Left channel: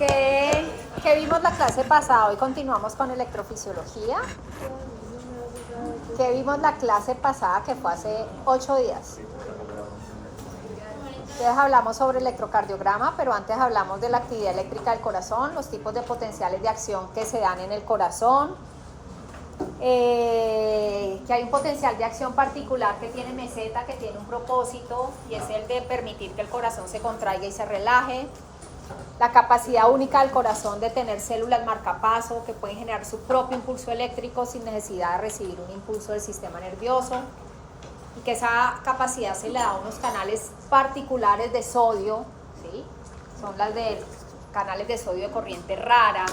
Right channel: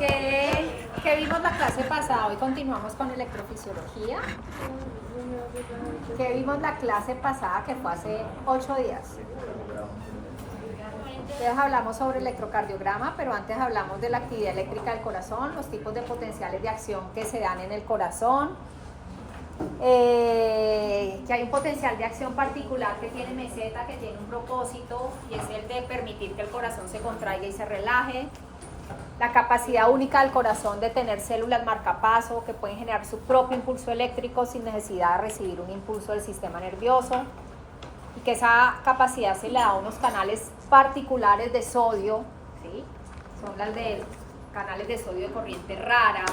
¿Qué vimos la clase pasada? Hoy continuamos con electrofisiología. ¿Qué vimos la clase pasada que fue hace 8 días? Entonces hablamos sobre electrocardiograma, pero antes hablamos de la actividad eléctrica del corazón, los tipos de potenciales de acción que se dan en el corazón, que hay un potencial de acción particular que tiene meseta, que tiene un propósito, y es el de permitir que el corazón se contraiga y se relaje. La capacidad única del corazón de tener células marcapaso que pueden generar su propio impulso eléctrico sin necesidad de recibir un impulso del sistema nervioso, y que esa capacidad se le da a unos canales particulares de sodio, ¿sí? Son las de canales de sodio de corriente rara.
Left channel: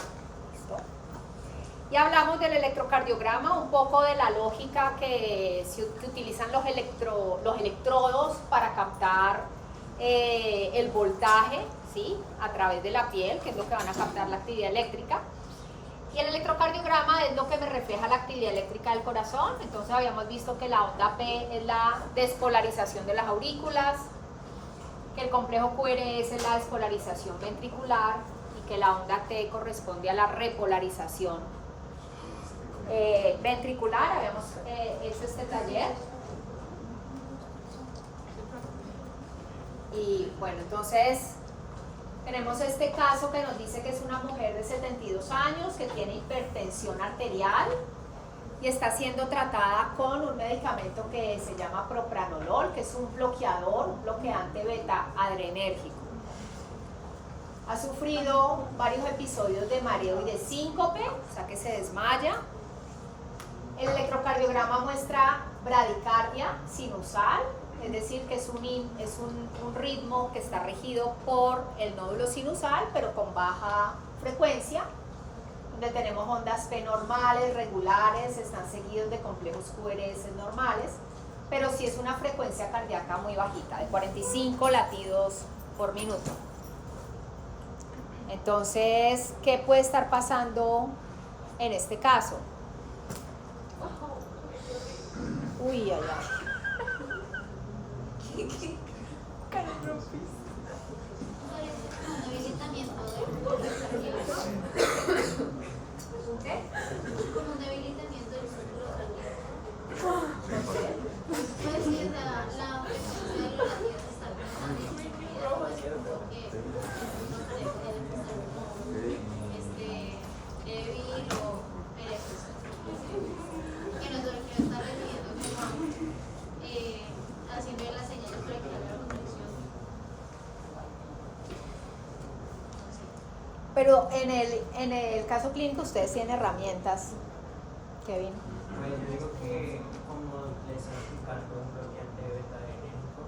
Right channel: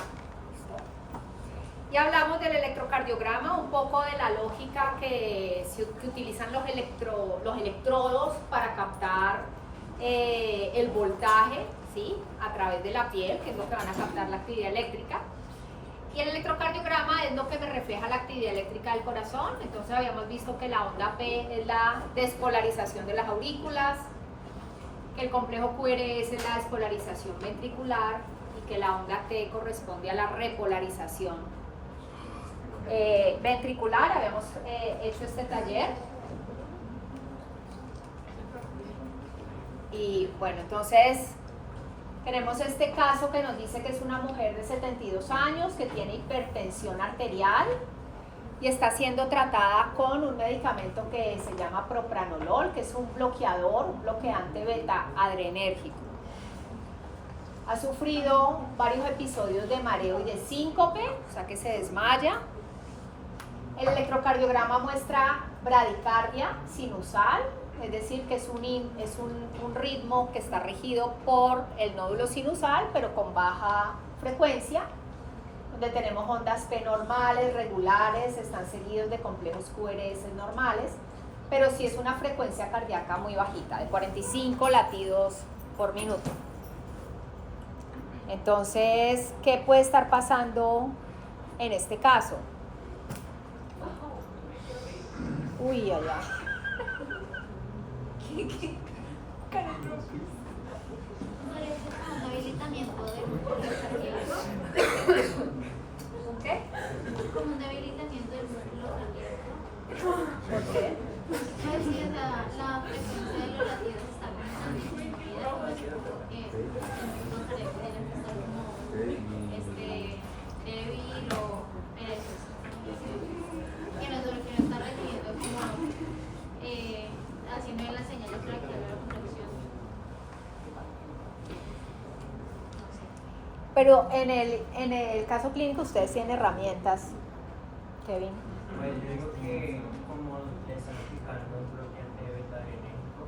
Y hablamos del electrocardiograma, un poco de la lógica que utilizan los electrodos para captar el voltaje, ¿sí? A través de la piel, que es lo que van a captar la actividad eléctrica. Y el electrocardiograma es lo que me refleja la actividad eléctrica del corazón. Entonces habíamos visto que la onda P es la despolarización de las aurículas, que el complejo QRS es la despolarización ventricular y que la onda T corresponde a la repolarización ventricular. Habíamos hecho este taller. Y bueno, entonces tenemos este caso que nos dice que es una mujer de 72 años que tiene hipertensión arterial y está siendo tratada con un medicamento que se llama propranolol, que es un bloqueador, un bloqueante beta-adrenérgico. Ha sufrido varios episodios de mareo y de síncope, o sea que se desmaya. El electrocardiograma muestra bradicardia sinusal, es decir, que es un ritmo que está regido por el nódulo sinusal, pero con baja frecuencia, donde tenemos ondas P normales, regulares, están seguidos de complejos QRS normales, pero sí es una frecuencia cardíaca muy bajita, de 45 latidos por minuto. Entonces, ¿qué puede estar pasando en este caso? Uy, allá. Un debilitamiento del músculo cardíaco. ¿Qué? Como un debilitamiento del músculo cardíaco. ¿Por qué? Pues sí, o sea, la frecuencia de los latidos está como tan disminuida, pues porque el músculo cardíaco tiene que estar como débil o perezoso. Y no solo que no está recibiendo como haciendo las señales para que haga la contracción. Pero en el caso clínico ustedes tienen herramientas, Kevin. Yo digo que como les está explicando un bloqueante beta-adrenérgico,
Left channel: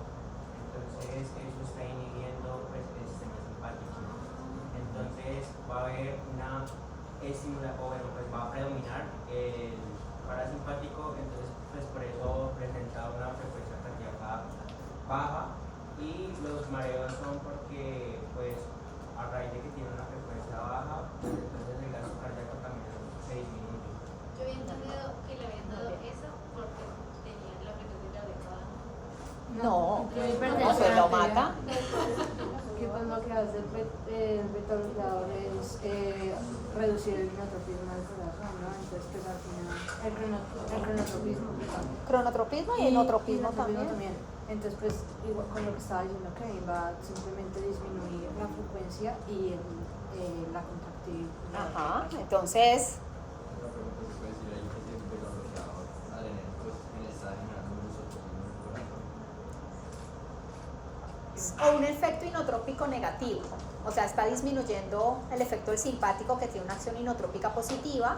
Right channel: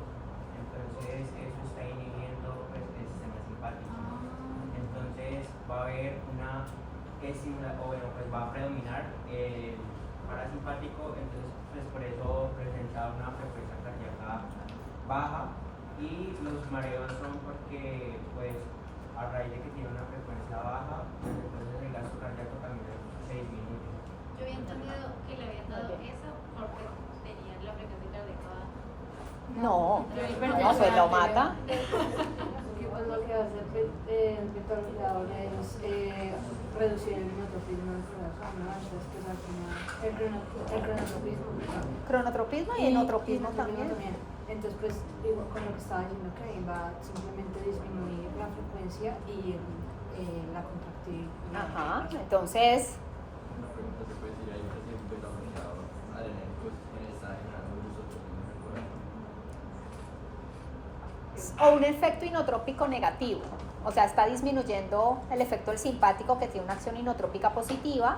entonces eso está inhibiendo pues, el sistema simpático. Entonces va a haber una estimulación, o bueno, pues va a predominar el parasimpático, entonces pues por eso presenta una frecuencia cardíaca baja, y los mareos son porque pues a raíz de que tiene una frecuencia baja, pues, entonces el gasto cardíaco también se disminuye. Yo había entendido que le habían dado eso porque tenía la frecuencia cardíaca baja. No, pues lo mata. Que pues lo que hace el beta-bloqueador es reducir el cronotropismo del corazón, ¿no? Entonces que al final el cronotropismo. Cronotropismo y enotropismo también. Entonces pues digo, con lo que estaba diciendo que va simplemente disminuir la frecuencia y la contractividad. Ajá, entonces Una pregunta se puede decir ahí que si el beta-bloqueador adrenérgico está generando un uso profundo en el corazón. o un efecto inotrópico negativo, o sea, está disminuyendo el efecto del simpático que tiene una acción inotrópica positiva,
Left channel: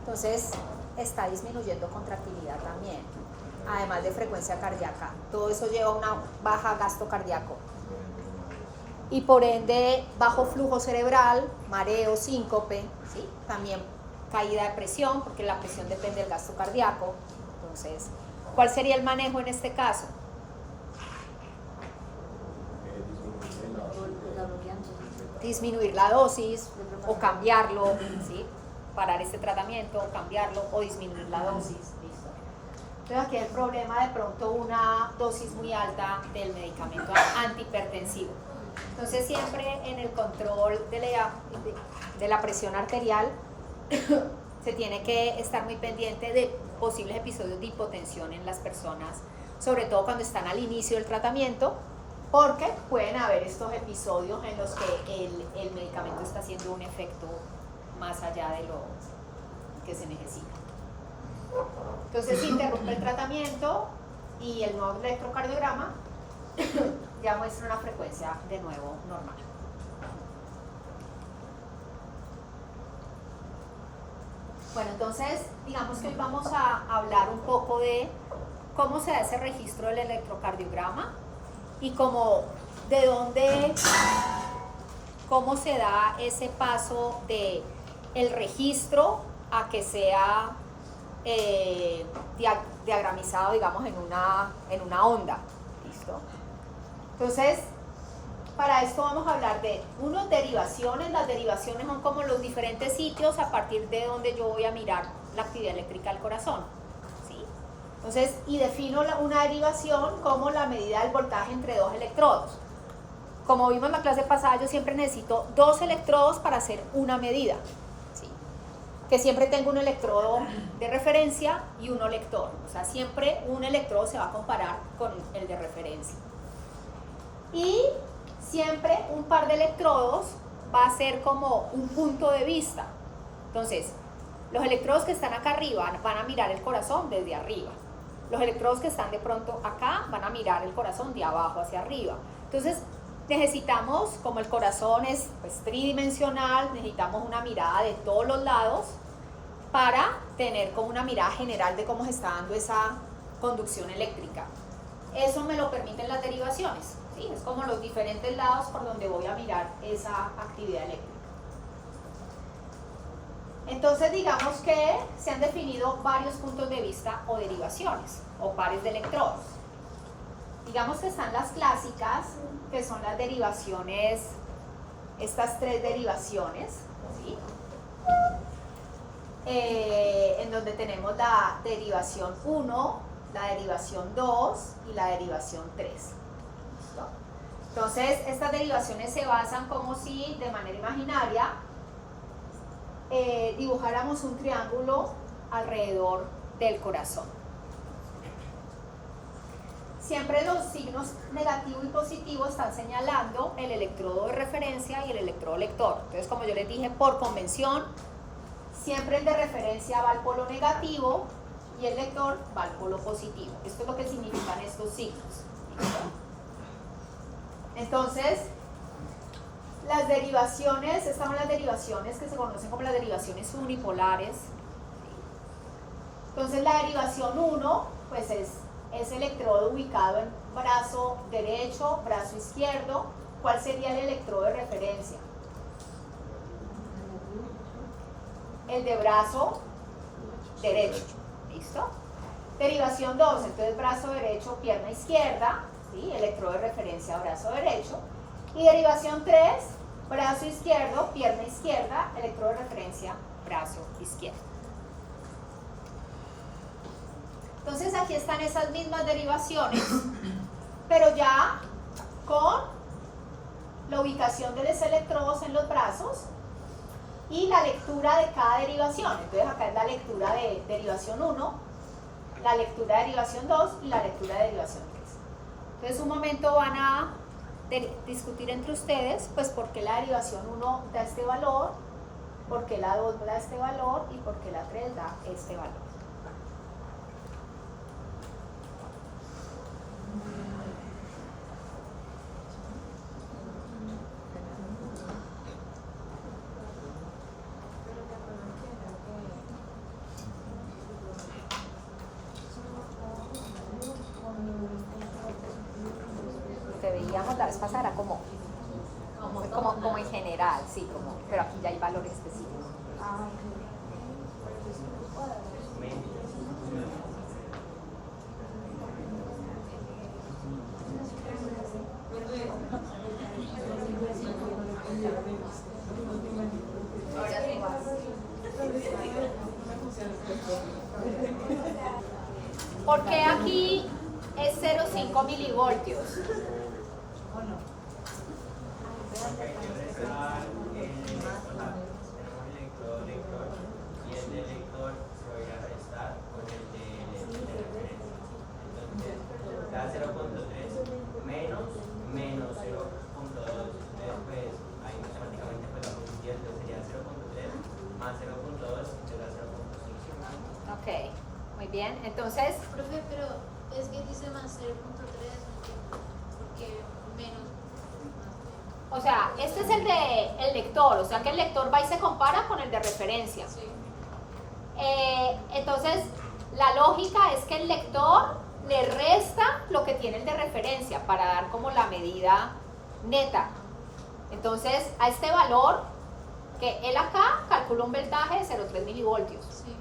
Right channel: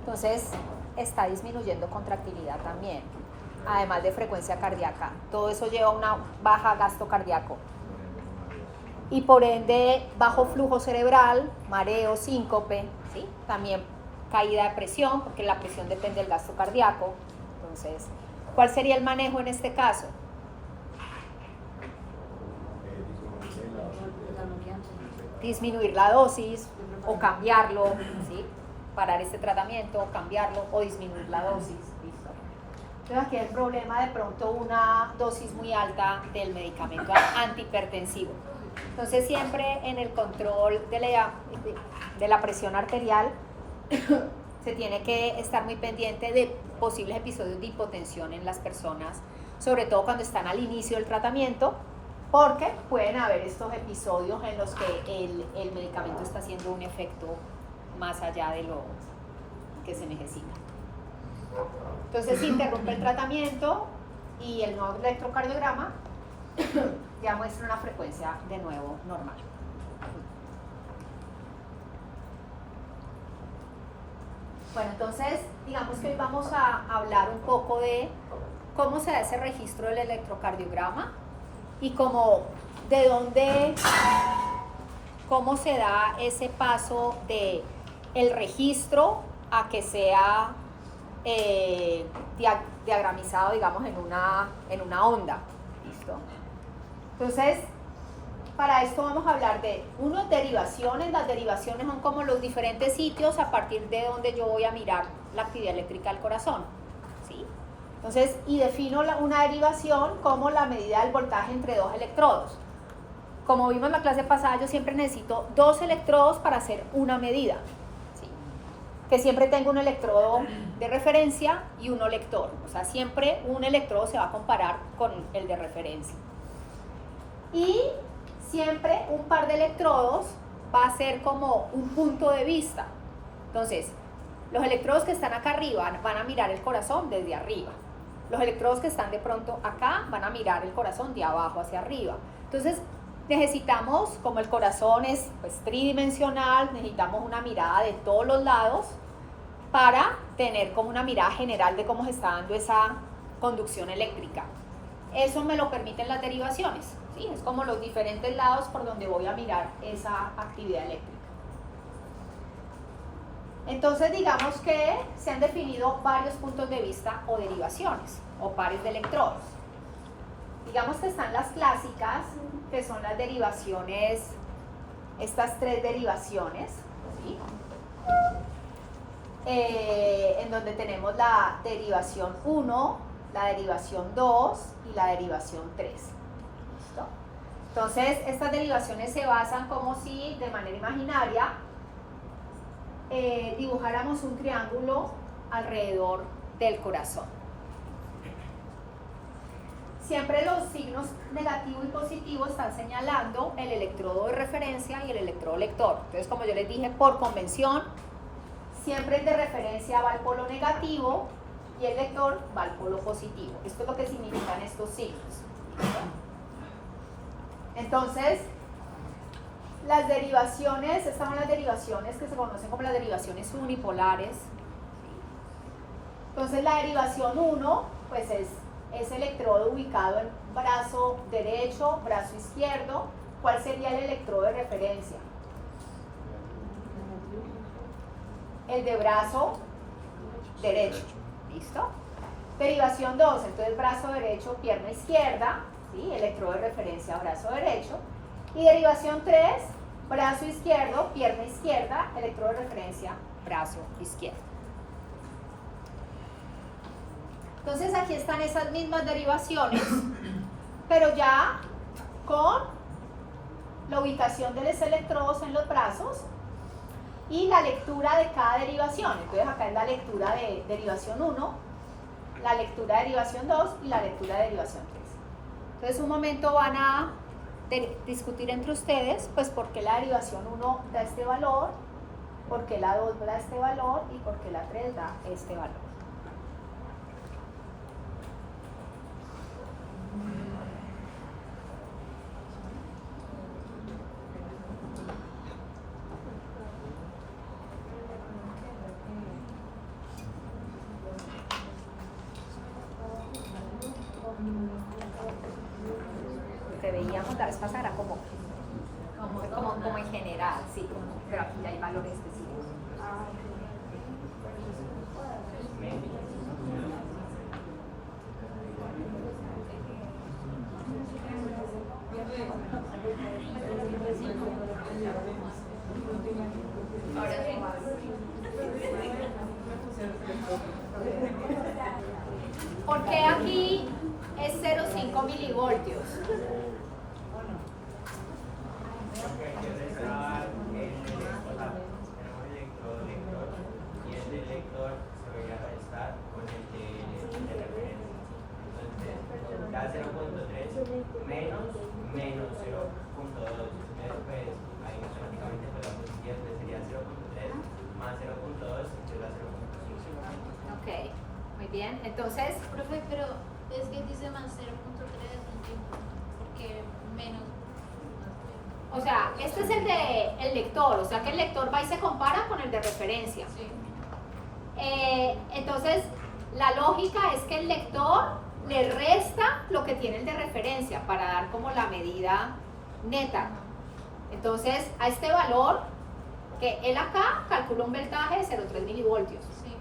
entonces está disminuyendo contractilidad también, además de frecuencia cardíaca. Todo eso lleva a una baja gasto cardíaco y por ende bajo flujo cerebral, mareo, síncope, ¿sí? También caída de presión, porque la presión depende del gasto cardíaco. Entonces, ¿cuál sería el manejo en este caso? Disminuir la dosis o cambiarlo, ¿sí? Parar este tratamiento, cambiarlo o disminuir la dosis. ¿Listo? Entonces aquí hay el problema de pronto una dosis muy alta del medicamento antihipertensivo. Entonces siempre en el control de la presión arterial se tiene que estar muy pendiente de posibles episodios de hipotensión en las personas, sobre todo cuando están al inicio del tratamiento, porque pueden haber estos episodios en los que el medicamento está haciendo un efecto más allá de lo que se necesita. Entonces se interrumpe el tratamiento y el nuevo electrocardiograma ya muestra una frecuencia de nuevo normal. Bueno, entonces digamos que hoy vamos a hablar un poco de cómo se da ese registro del electrocardiograma y cómo se da ese paso de el registro a que sea diagramizado, digamos, en una onda. ¿Listo? Entonces, para esto vamos a hablar de derivaciones. Las derivaciones son como los diferentes sitios a partir de donde yo voy a mirar la actividad eléctrica del corazón. ¿Sí? Entonces, y defino una derivación como la medida del voltaje entre dos electrodos. Como vimos en la clase pasada, yo siempre necesito dos electrodos para hacer una medida. ¿Sí? Que siempre tengo un electrodo de referencia y uno lector. O sea, siempre un electrodo se va a comparar con el de referencia. Y siempre un par de electrodos va a ser como un punto de vista. Entonces, los electrodos que están acá arriba van a mirar el corazón desde arriba. Los electrodos que están de pronto acá van a mirar el corazón de abajo hacia arriba. Entonces, necesitamos, como el corazón es pues, tridimensional, necesitamos una mirada de todos los lados para tener como una mirada general de cómo se está dando esa conducción eléctrica. Eso me lo permiten las derivaciones. ¿Sí? Es como los diferentes lados por donde voy a mirar esa actividad eléctrica. Entonces digamos que se han definido varios puntos de vista o derivaciones o pares de electrodos. Digamos que están las clásicas, que son las derivaciones, estas tres derivaciones, ¿sí? En donde tenemos la derivación 1, la derivación 2 y la derivación 3. Entonces, estas derivaciones se basan como si, de manera imaginaria, dibujáramos un triángulo alrededor del corazón. Siempre los signos negativo y positivo están señalando el electrodo de referencia y el electrodo lector. Entonces, como yo les dije, por convención, siempre el de referencia va al polo negativo y el lector va al polo positivo. Esto es lo que significan estos signos. Entonces, las derivaciones, estas son las derivaciones que se conocen como las derivaciones unipolares. Entonces, la derivación 1, pues es electrodo ubicado en brazo derecho, brazo izquierdo. ¿Cuál sería el electrodo de referencia? El de brazo derecho. ¿Listo? Derivación 2, entonces brazo derecho, pierna izquierda. ¿Sí? Electrodo de referencia, brazo derecho. Y derivación 3, brazo izquierdo, pierna izquierda, electrodo de referencia, brazo izquierdo. Entonces aquí están esas mismas derivaciones, pero ya con la ubicación de los electrodos en los brazos y la lectura de cada derivación. Entonces acá es la lectura de derivación 1, la lectura de derivación 2 y la lectura de derivación 3. Entonces un momento van a discutir entre ustedes, pues por qué la derivación 1 da este valor, por qué la 2 da este valor y por qué la 3 da este valor. Lo que veíamos la vez pasada era como en general, sí, pero aquí ya hay valores específicos. ¿Por qué aquí es 0,5 milivoltios? Bien, entonces, Profe, pero es que dice más 0.3, porque menos. o sea, este es el de el lector, o sea que el lector va y se compara con el de referencia. Sí. Entonces, la lógica es que el lector le resta lo que tiene el de referencia para dar como la medida neta. Entonces, a este valor, que él acá calcula un voltaje de 0,3 milivoltios. Sí.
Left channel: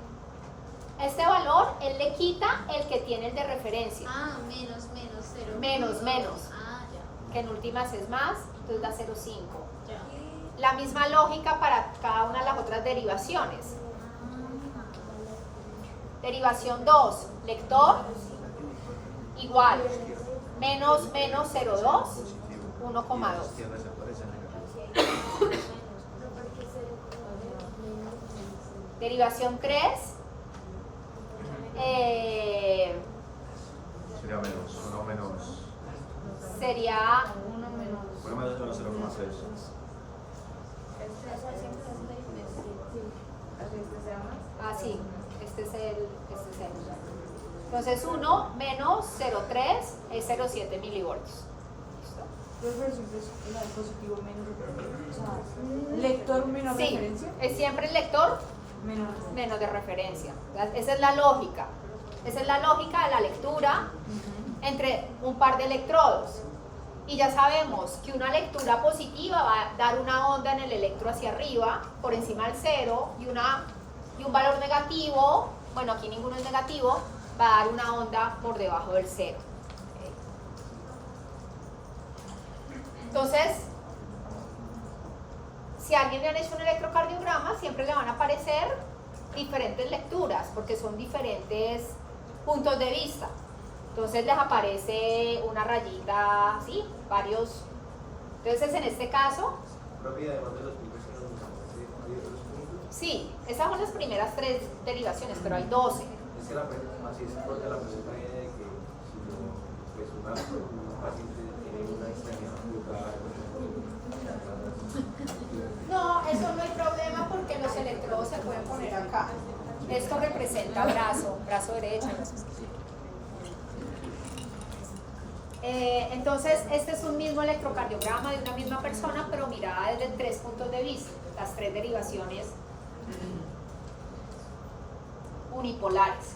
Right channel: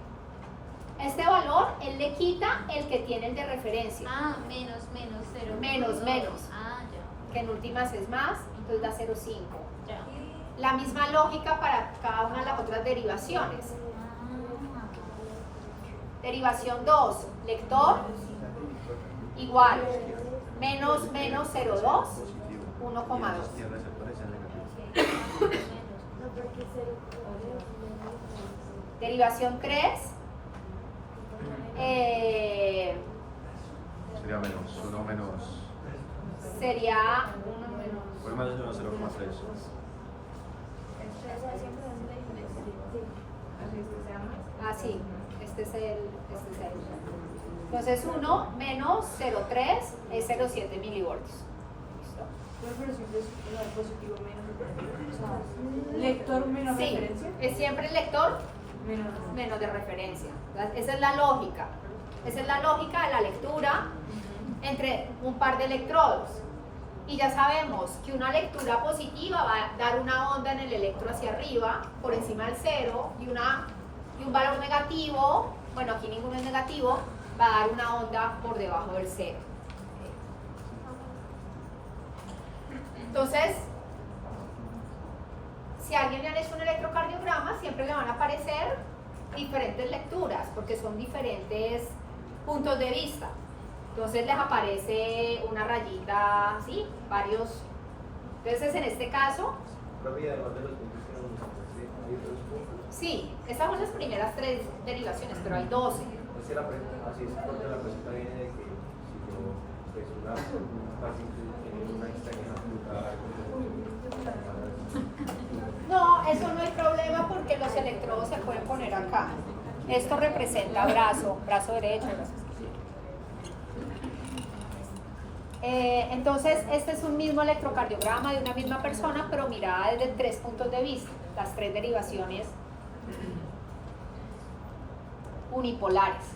A este valor, él le quita el que tiene el de referencia, Ah, menos 0. Menos. Ah, ya. que en últimas es más, entonces da 0,5. Ya. La misma lógica para cada una de las otras derivaciones. Derivación 2, lector, igual, menos 0,2, 1,2. Derivación 3, Sería menos, 1 menos. sería 1 menos 1, 0,6. así, este es el. Entonces 1 menos 0,3 es 0,7 milivoltios. ¿Listo? Pero siempre es positivo menos. O sea, lector menos Sí, referencia. es siempre el lector Menos. menos de referencia. Esa es la lógica. Esa es la lógica de la lectura entre un par de electrodos. Y ya sabemos que una lectura positiva va a dar una onda en el electro hacia arriba, por encima del cero, y un valor negativo, bueno, aquí ninguno es negativo, va a dar una onda por debajo del cero. Entonces, si a alguien le han hecho un electrocardiograma, siempre le van a aparecer diferentes lecturas, porque son diferentes puntos de vista. Entonces les aparece una rayita, ¿sí? Varios. Entonces en este caso, sí, esas son las primeras 3 derivaciones, pero hay 12. Es que la pregunta, así es porque la pregunta viene de que si yo, pues, un paciente tiene una extremidad No, eso no hay problema porque los electrodos se pueden poner acá. Esto representa brazo derecho. Entonces, este es un mismo electrocardiograma de una misma persona, pero mirada desde 3 puntos de vista, las 3 derivaciones unipolares.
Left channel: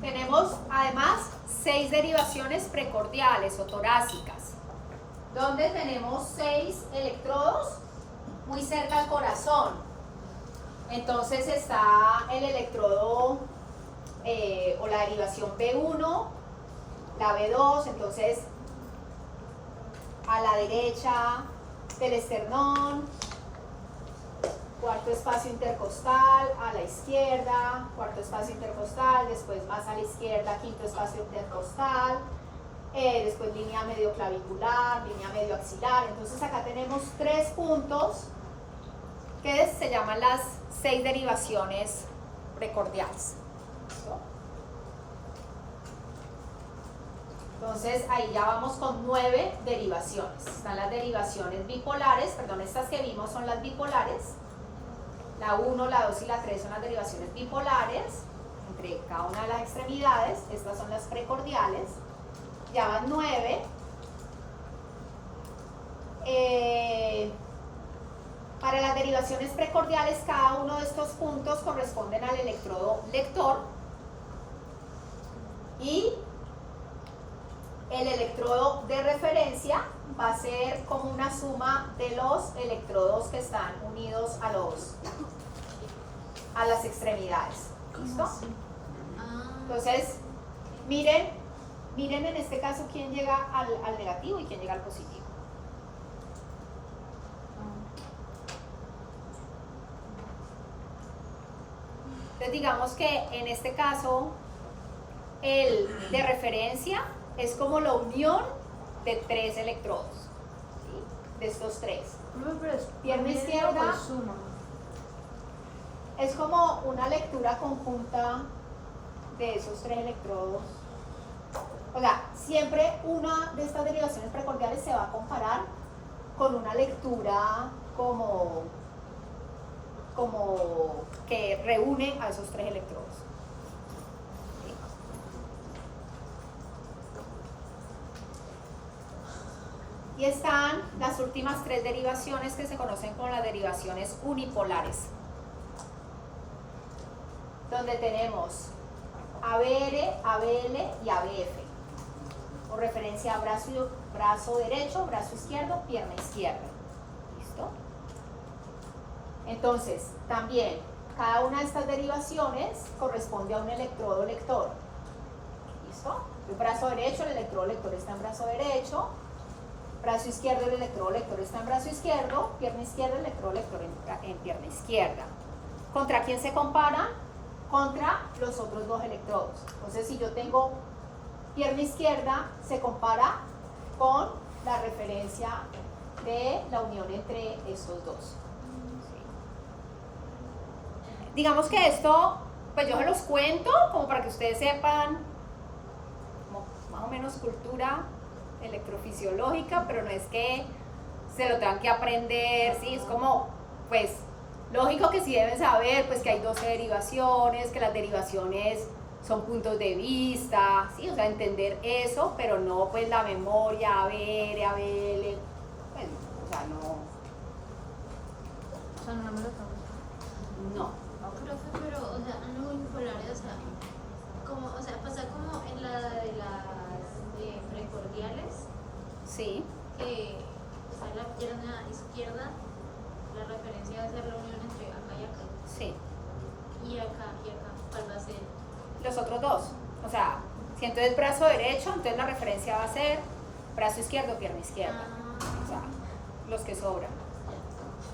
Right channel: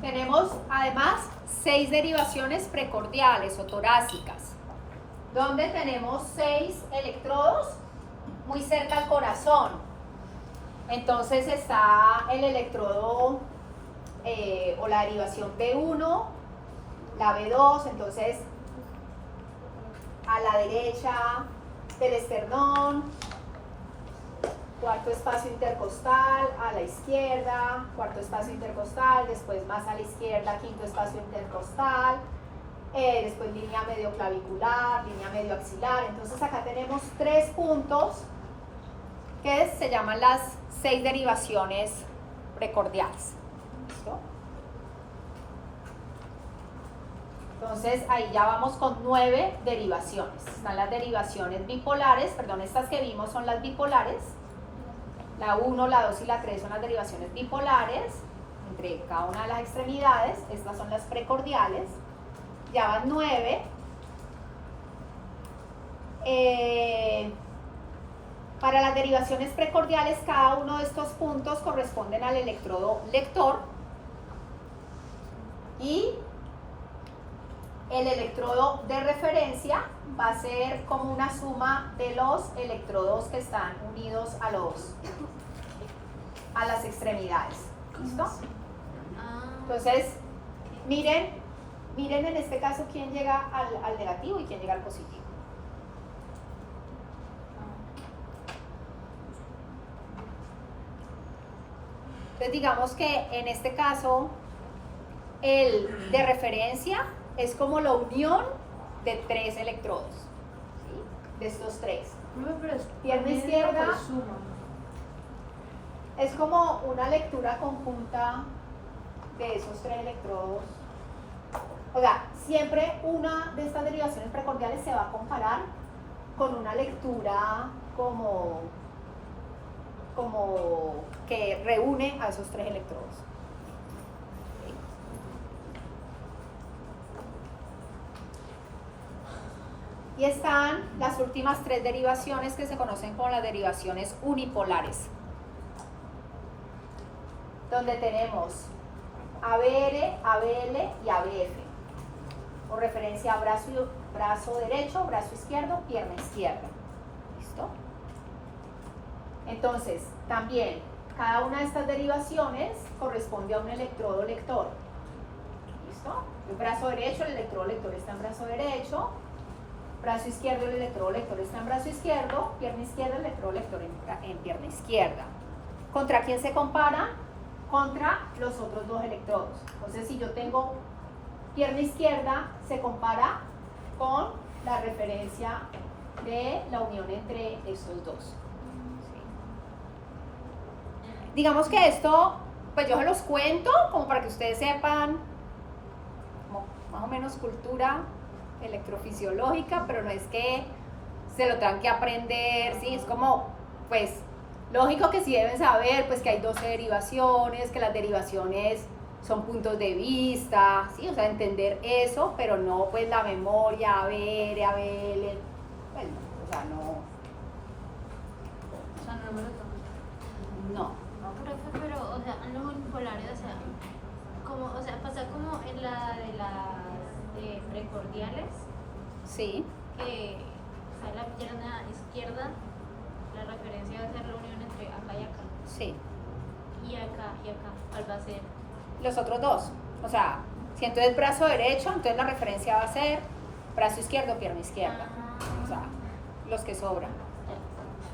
Tenemos además 6 derivaciones precordiales o torácicas, donde tenemos 6 electrodos muy cerca al corazón. Entonces está el electrodo o la derivación B1, la B2, entonces a la derecha del esternón, cuarto espacio intercostal, a la izquierda, cuarto espacio intercostal, después más a la izquierda, quinto espacio intercostal, después línea medio clavicular, línea medio axilar. Entonces acá tenemos 3 puntos que se llaman las 6 derivaciones precordiales. ¿Listo? Entonces ahí ya vamos con 9 derivaciones. Están las derivaciones bipolares, perdón, estas que vimos son las bipolares. La 1, la 2 y la 3 son las derivaciones bipolares entre cada una de las extremidades. Estas son las precordiales. Ya van 9. Para las derivaciones precordiales, cada uno de estos puntos corresponden al electrodo lector y el electrodo de referencia va a ser como una suma de los electrodos que están unidos a las extremidades. ¿Listo? Entonces, miren en este caso quién llega al negativo y quién llega al positivo. Entonces digamos que en este caso el de referencia es como la unión de 3 electrodos, ¿sí? De estos 3. Pierna izquierda es como una lectura conjunta de esos 3 electrodos. O sea, siempre una de estas derivaciones precordiales se va a comparar con una lectura como que reúne a esos 3 electrodos. Y están las últimas 3 derivaciones que se conocen como las derivaciones unipolares, donde tenemos ABR, ABL y ABF, o referencia a brazo derecho, brazo izquierdo, pierna izquierda. ¿Listo? Entonces, también, cada una de estas derivaciones corresponde a un electrodo lector. ¿Listo? El brazo derecho, el electrodo lector está en brazo derecho. Brazo izquierdo, el electrodo lector está en brazo izquierdo. Pierna izquierda, el electrodo lector en pierna izquierda. ¿Contra quién se compara? Contra los otros 2 electrodos. Entonces, si yo tengo pierna izquierda, se compara con la referencia de la unión entre estos 2. ¿Sí? Digamos que esto, pues yo se los cuento como para que ustedes sepan, como más o menos cultura electrofisiológica, pero no es que se lo tengan que aprender, ¿sí? Es como, pues, lógico que sí deben saber, pues, que hay 12 derivaciones, que las derivaciones son puntos de vista, ¿sí? O sea, entender eso, pero no, pues, la memoria, ABR, ABL, pues, no, o sea, no. O sea, no me lo tomo. No. Profe, pero, o sea, los unipolares, o sea, como, o sea, pasa como en la de las precordiales, Sí. que está en la pierna izquierda, la referencia va a ser la unión entre acá y acá, Sí. y acá, ¿cuál va a ser? Los otros 2. O sea, si entonces brazo derecho, entonces la referencia va a ser brazo izquierdo, pierna izquierda. O sea, los que sobran.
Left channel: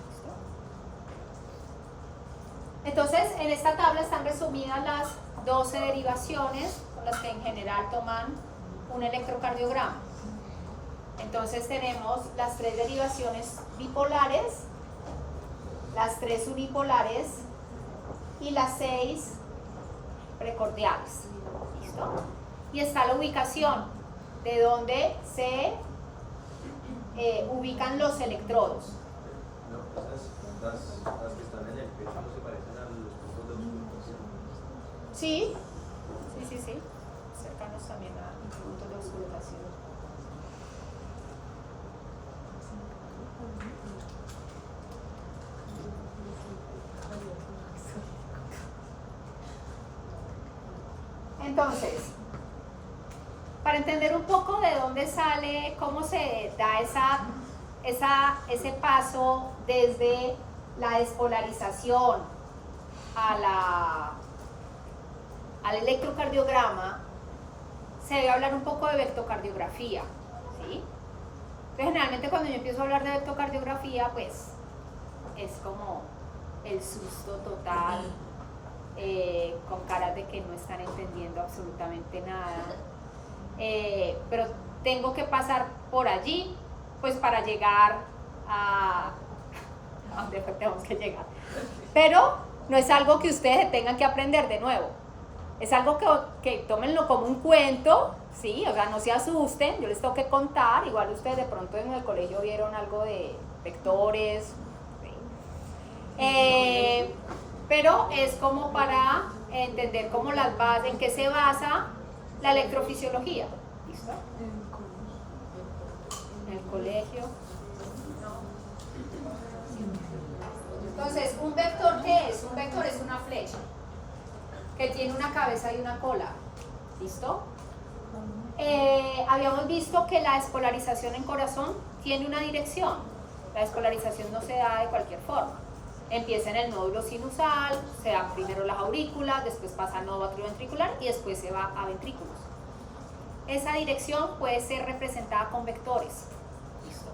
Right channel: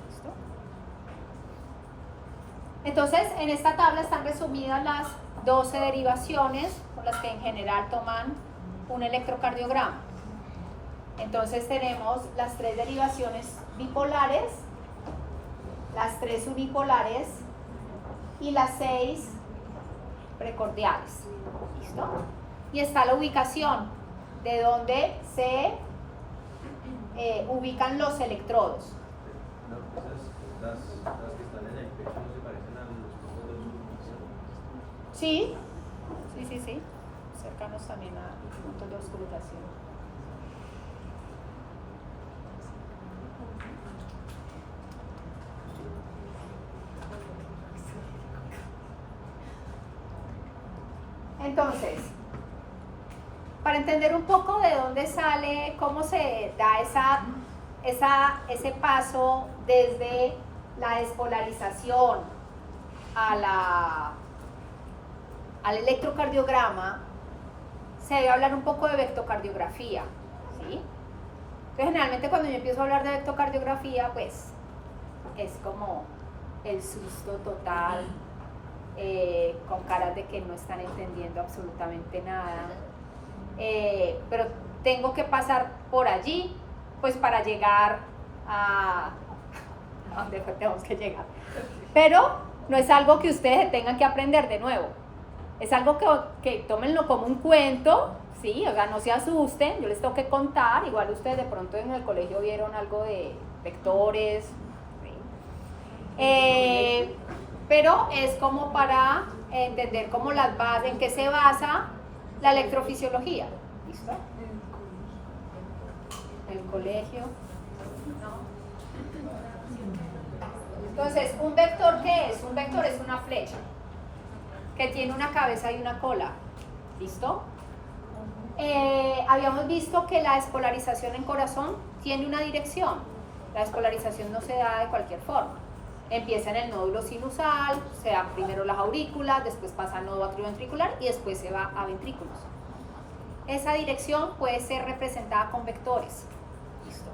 ¿Listo? Entonces, en esta tabla están resumidas las 12 derivaciones con las que en general toman un electrocardiograma. Entonces tenemos las 3 derivaciones bipolares, las 3 unipolares y las 6 precordiales. ¿Listo? Y está la ubicación de donde se ubican los electrodos. No, las que están en el pecho no se parecen a los puntos de oscuración. Sí, sí. Cercanos también a puntos de auscultación. Entonces, para entender un poco de dónde sale, cómo se da ese paso desde la despolarización al electrocardiograma, se debe hablar un poco de vectocardiografía, ¿sí? Entonces, generalmente cuando yo empiezo a hablar de vectocardiografía, pues es como el susto total, con caras de que no están entendiendo absolutamente nada, pero tengo que pasar por allí, pues para llegar a donde tenemos que llegar. Pero no es algo que ustedes tengan que aprender de nuevo. Es algo que tómenlo como un cuento, ¿sí? O sea, no se asusten, yo les tengo que contar. Igual ustedes de pronto en el colegio vieron algo de vectores, ¿sí? Pero es como para entender cómo las bases, en qué se basa la electrofisiología. ¿Listo? En el colegio. Entonces, ¿un vector qué es? Un vector es una flecha que tiene una cabeza y una cola. ¿Listo? Habíamos visto que la despolarización en corazón tiene una dirección. La despolarización no se da de cualquier forma. Empieza en el nódulo sinusal, se dan primero las aurículas, después pasa al nódulo atrioventricular y después se va a ventrículos. Esa dirección puede ser representada con vectores. ¿Listo?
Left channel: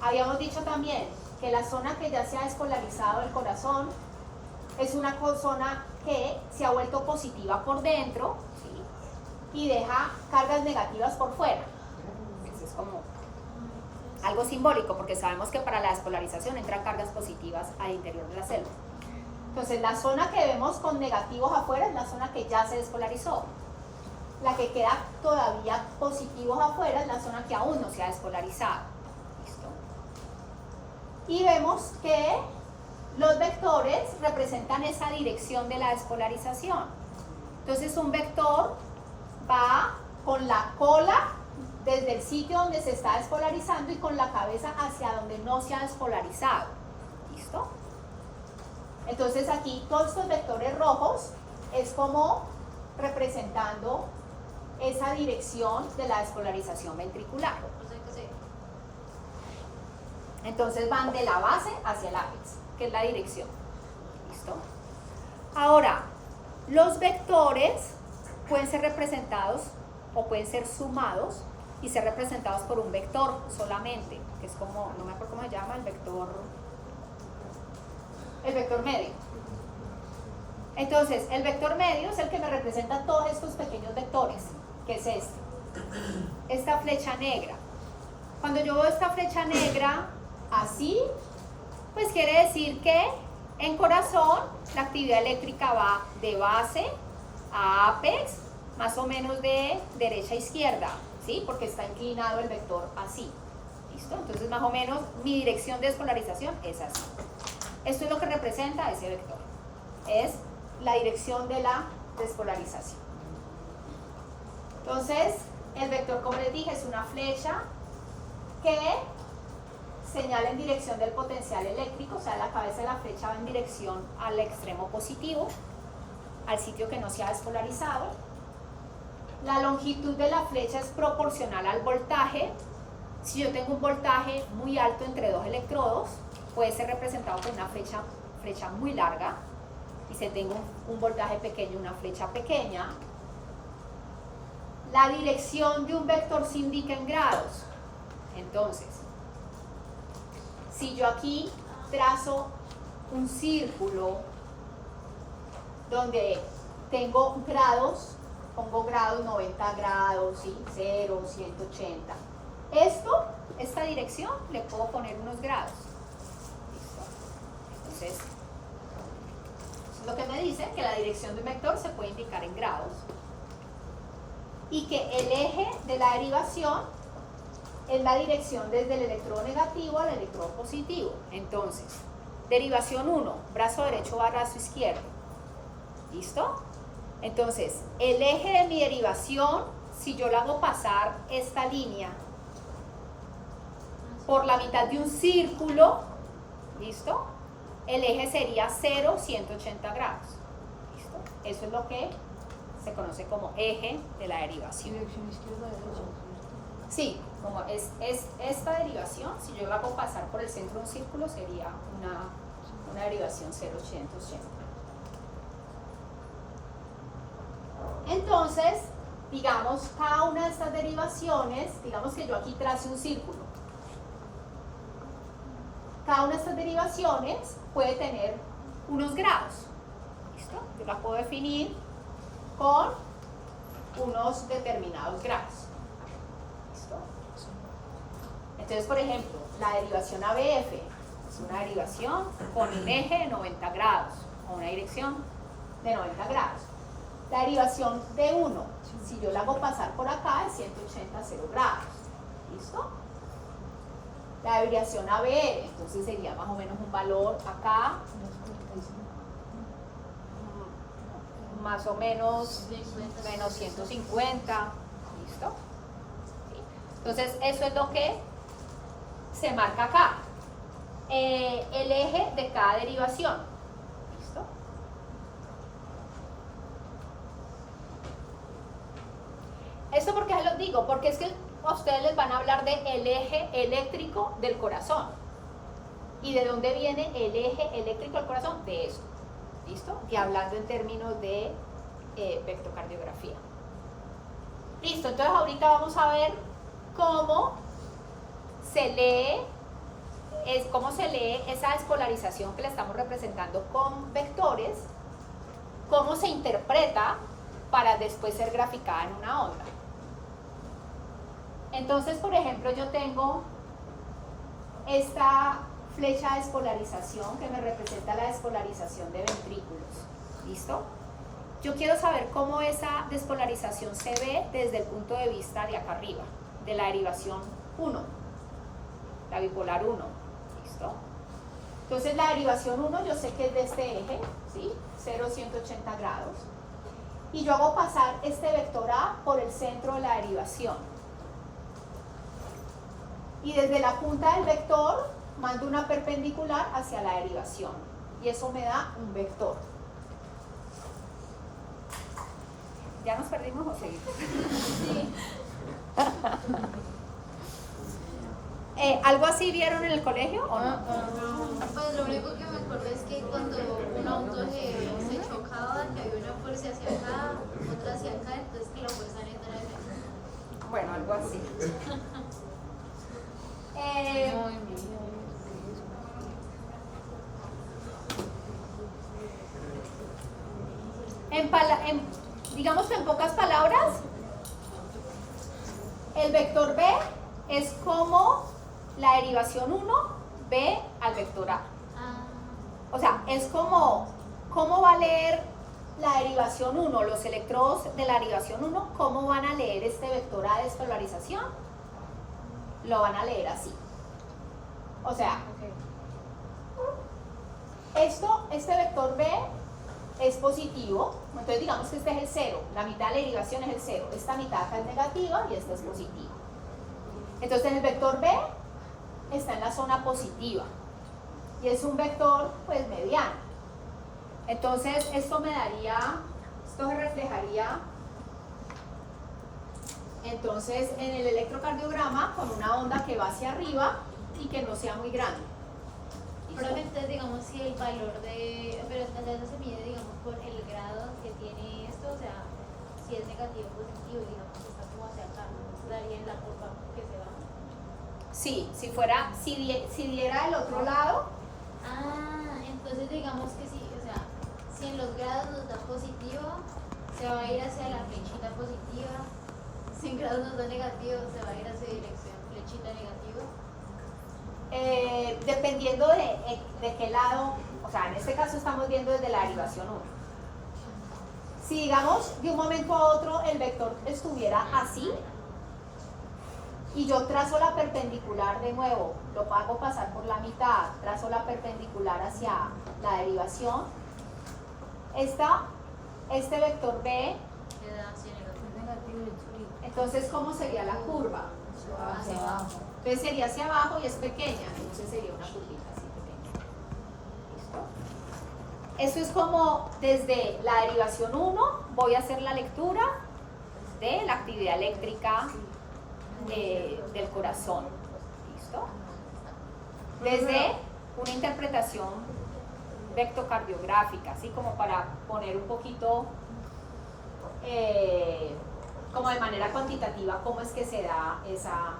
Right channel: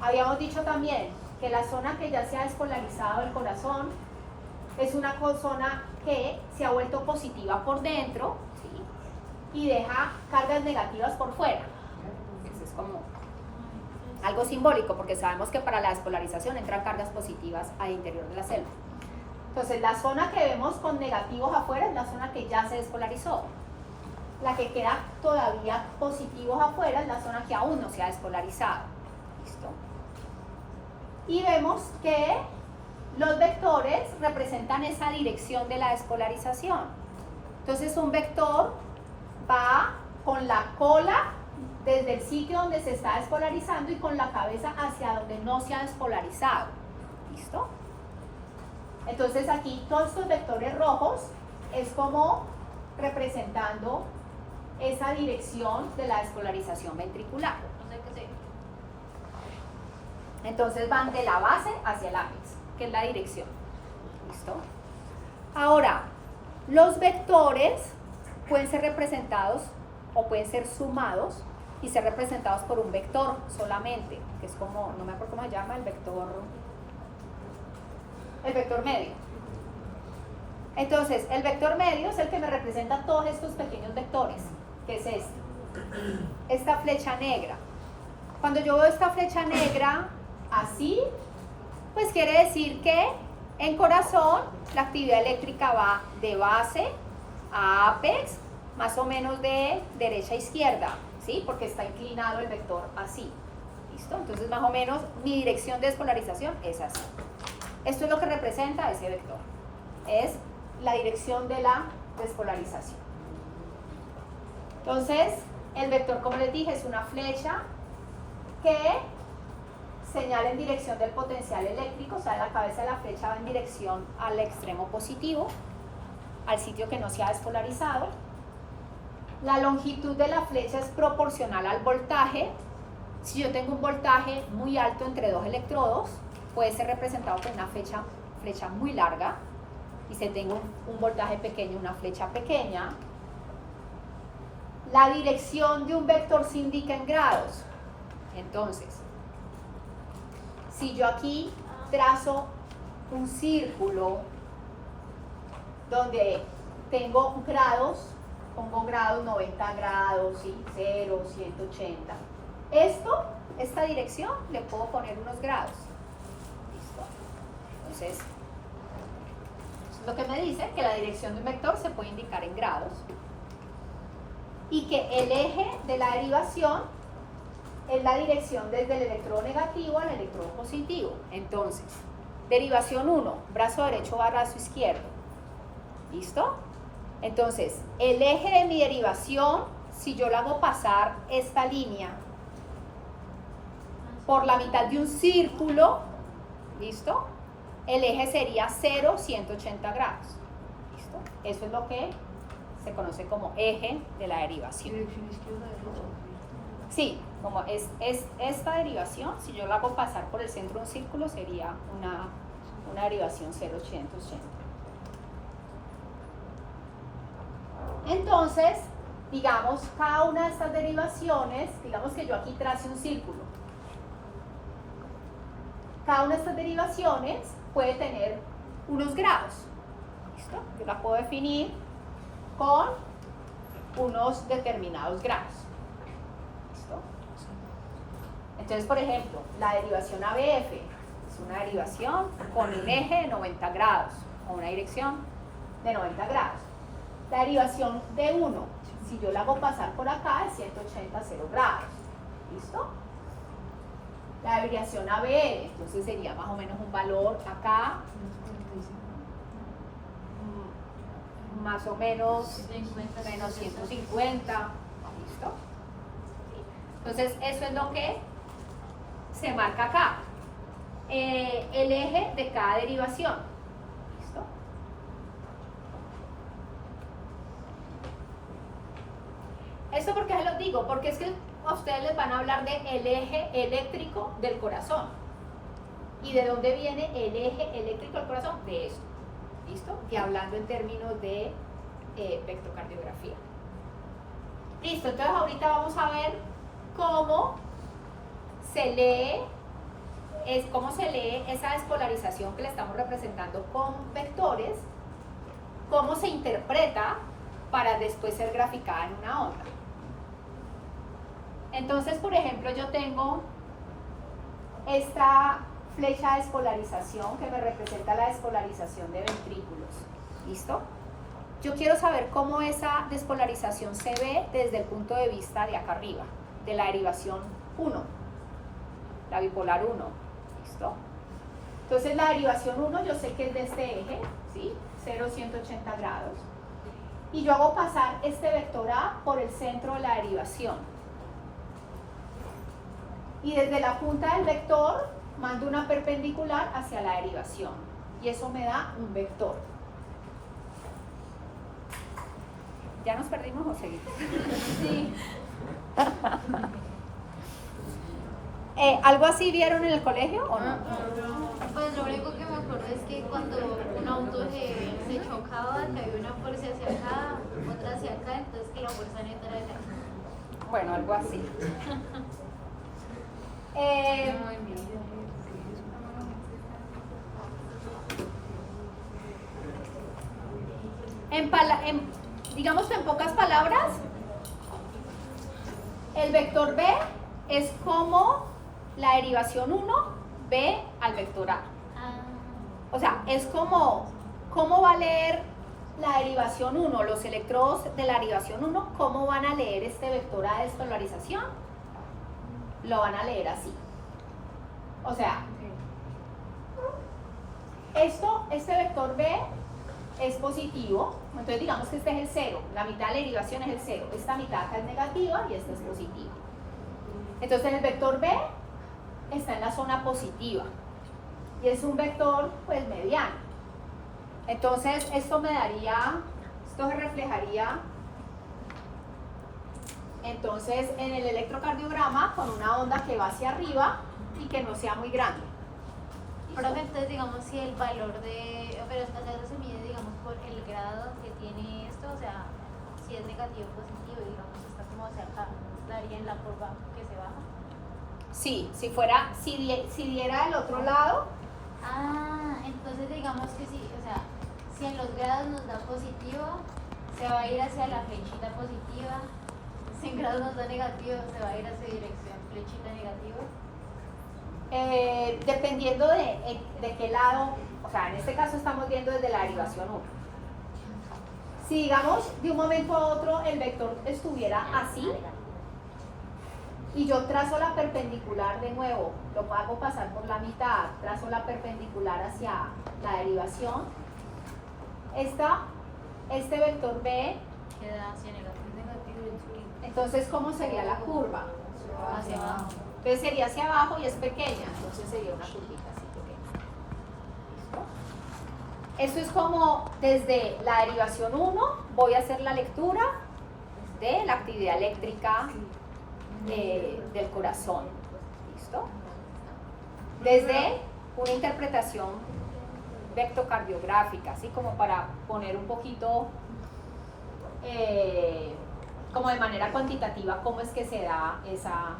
Habíamos dicho también que la zona que ya se ha despolarizado del corazón es una zona que se ha vuelto positiva por dentro, ¿sí? Y deja cargas negativas por fuera. Eso es como algo simbólico, porque sabemos que para la despolarización entran cargas positivas al interior de la célula. Entonces, la zona que vemos con negativos afuera es la zona que ya se despolarizó. La que queda todavía positivos afuera es la zona que aún no se ha despolarizado. ¿Listo? Y vemos que los vectores representan esa dirección de la despolarización. Entonces un vector va con la cola desde el sitio donde se está despolarizando y con la cabeza hacia donde no se ha despolarizado. ¿Listo? Entonces aquí todos estos vectores rojos es como representando esa dirección de la despolarización ventricular. O sea que sí. Entonces van de la base hacia el ápice, que es la dirección. ¿Listo? Ahora, los vectores pueden ser representados o pueden ser sumados y ser representados por un vector solamente, que es como, no me acuerdo cómo se llama, el vector medio. Entonces, el vector medio es el que me representa todos estos pequeños vectores, que es este. Esta flecha negra. Cuando yo veo esta flecha negra así, pues quiere decir que en corazón la actividad eléctrica va de base a apex, más o menos de derecha a izquierda, ¿sí? Porque está inclinado el vector así. ¿Listo? Entonces, más o menos, mi dirección de despolarización es así. Esto es lo que representa ese vector. Es la dirección de la despolarización. Entonces, el vector, como les dije, es una flecha que señala en dirección del potencial eléctrico, o sea, la cabeza de la flecha va en dirección al extremo positivo, al sitio que no se ha despolarizado. La longitud de la flecha es proporcional al voltaje. Si yo tengo un voltaje muy alto entre dos electrodos, puede ser representado por una flecha muy larga, y si tengo un voltaje pequeño, una flecha pequeña. La dirección de un vector se indica en grados. Entonces, si yo aquí trazo un círculo donde tengo grados, pongo grados 90 grados, ¿sí? 0, 180. Esta dirección le puedo poner unos grados. Entonces, eso es lo que me dice que la dirección de un vector se puede indicar en grados. Y que el eje de la derivación es la dirección desde el electrodo negativo al electrodo positivo. Entonces, derivación 1, brazo derecho va a brazo izquierdo. ¿Listo? Entonces, el eje de mi derivación, si yo le hago pasar esta línea por la mitad de un círculo, ¿listo? El eje sería 0, 180 grados. ¿Listo? Eso es lo que se conoce como eje de la derivación. Dirección izquierda, derecha. Sí, como es esta derivación, si yo la hago pasar por el centro de un círculo, sería una derivación 0, 180. Entonces, digamos, cada una de estas derivaciones, digamos que yo aquí trace un círculo. Cada una de estas derivaciones puede tener unos grados. ¿Listo? Yo la puedo definir con unos determinados grados. ¿Listo? Entonces, por ejemplo, la derivación ABF es una derivación con un eje de 90 grados o una dirección de 90 grados. La derivación D1, si yo la hago pasar por acá, es 180, 0 grados. ¿Listo? La derivación ABR, entonces sería más o menos un valor acá, más o menos menos 150. ¿Listo? Entonces, eso es lo que se marca acá. El eje de cada derivación. ¿Listo? ¿Esto por qué se los digo? Porque es que a ustedes les van a hablar del eje eléctrico del corazón. ¿Y de dónde viene el eje eléctrico del corazón? De esto. ¿Listo? Y hablando en términos de vectocardiografía. Listo, entonces ahorita vamos a ver cómo se lee esa despolarización que le estamos representando con vectores, cómo se interpreta para después ser graficada en una onda. Entonces, por ejemplo, yo tengo esta flecha de despolarización que me representa la despolarización de ventrículos. ¿Listo? Yo quiero saber cómo esa despolarización se ve desde el punto de vista de acá arriba, de la derivación 1, la bipolar 1. ¿Listo? Entonces la derivación 1 yo sé que es de este eje, ¿sí? 0, 180 grados. Y yo hago pasar este vector A por el centro de la derivación. Y desde la punta del vector mando una perpendicular hacia la derivación. Y eso me da un vector. ¿Ya nos perdimos o seguimos? Sí. ¿Algo así vieron en el colegio o no? Pues lo único que me acuerdo es que cuando un auto se chocaba, que había una fuerza hacia acá, otra hacia acá, entonces que la fuerza neta era acá. Bueno, algo así. Digamos en pocas palabras, el vector B es como la derivación 1 B al vector A. O sea, es como cómo va a leer la derivación 1, los electrodos de la derivación 1, cómo van a leer este vector A de despolarización. Lo van a leer así. O sea, este vector B es positivo, entonces digamos que este es el 0, la mitad de la derivación es el 0, esta mitad acá es negativa y esta es positiva. Entonces el vector B está en la zona positiva y es un vector pues mediano. Entonces esto se reflejaría entonces en el electrocardiograma con una onda que va hacia arriba y que no sea muy grande. Pero entonces digamos si el valor de, pero entonces eso se mide digamos por el grado que tiene esto, o sea, si es negativo o positivo, digamos que está como hacia acá, estaría en la curva que se baja. Sí, si diera del otro lado. Entonces digamos que sí, o sea, si en los grados nos da positivo, se va a ir hacia la flechita positiva, si en grados nos da negativo, se va a ir hacia dirección flechita negativa. Dependiendo de qué lado, o sea, en este caso estamos viendo desde la derivación 1. Si digamos de un momento a otro el vector estuviera así y yo trazo la perpendicular de nuevo, lo hago pasar por la mitad, trazo la perpendicular hacia la derivación, este vector B, Queda hacia negativo. entonces ¿cómo sería la curva? Hacia abajo. Entonces sería hacia abajo y es pequeña, entonces sería una curvita así pequeña. ¿Listo? Esto es como desde la derivación 1 voy a hacer la lectura de la actividad eléctrica del corazón. ¿Listo? Desde una interpretación vectocardiográfica, así como para poner un poquito como de manera cuantitativa cómo es que se da esa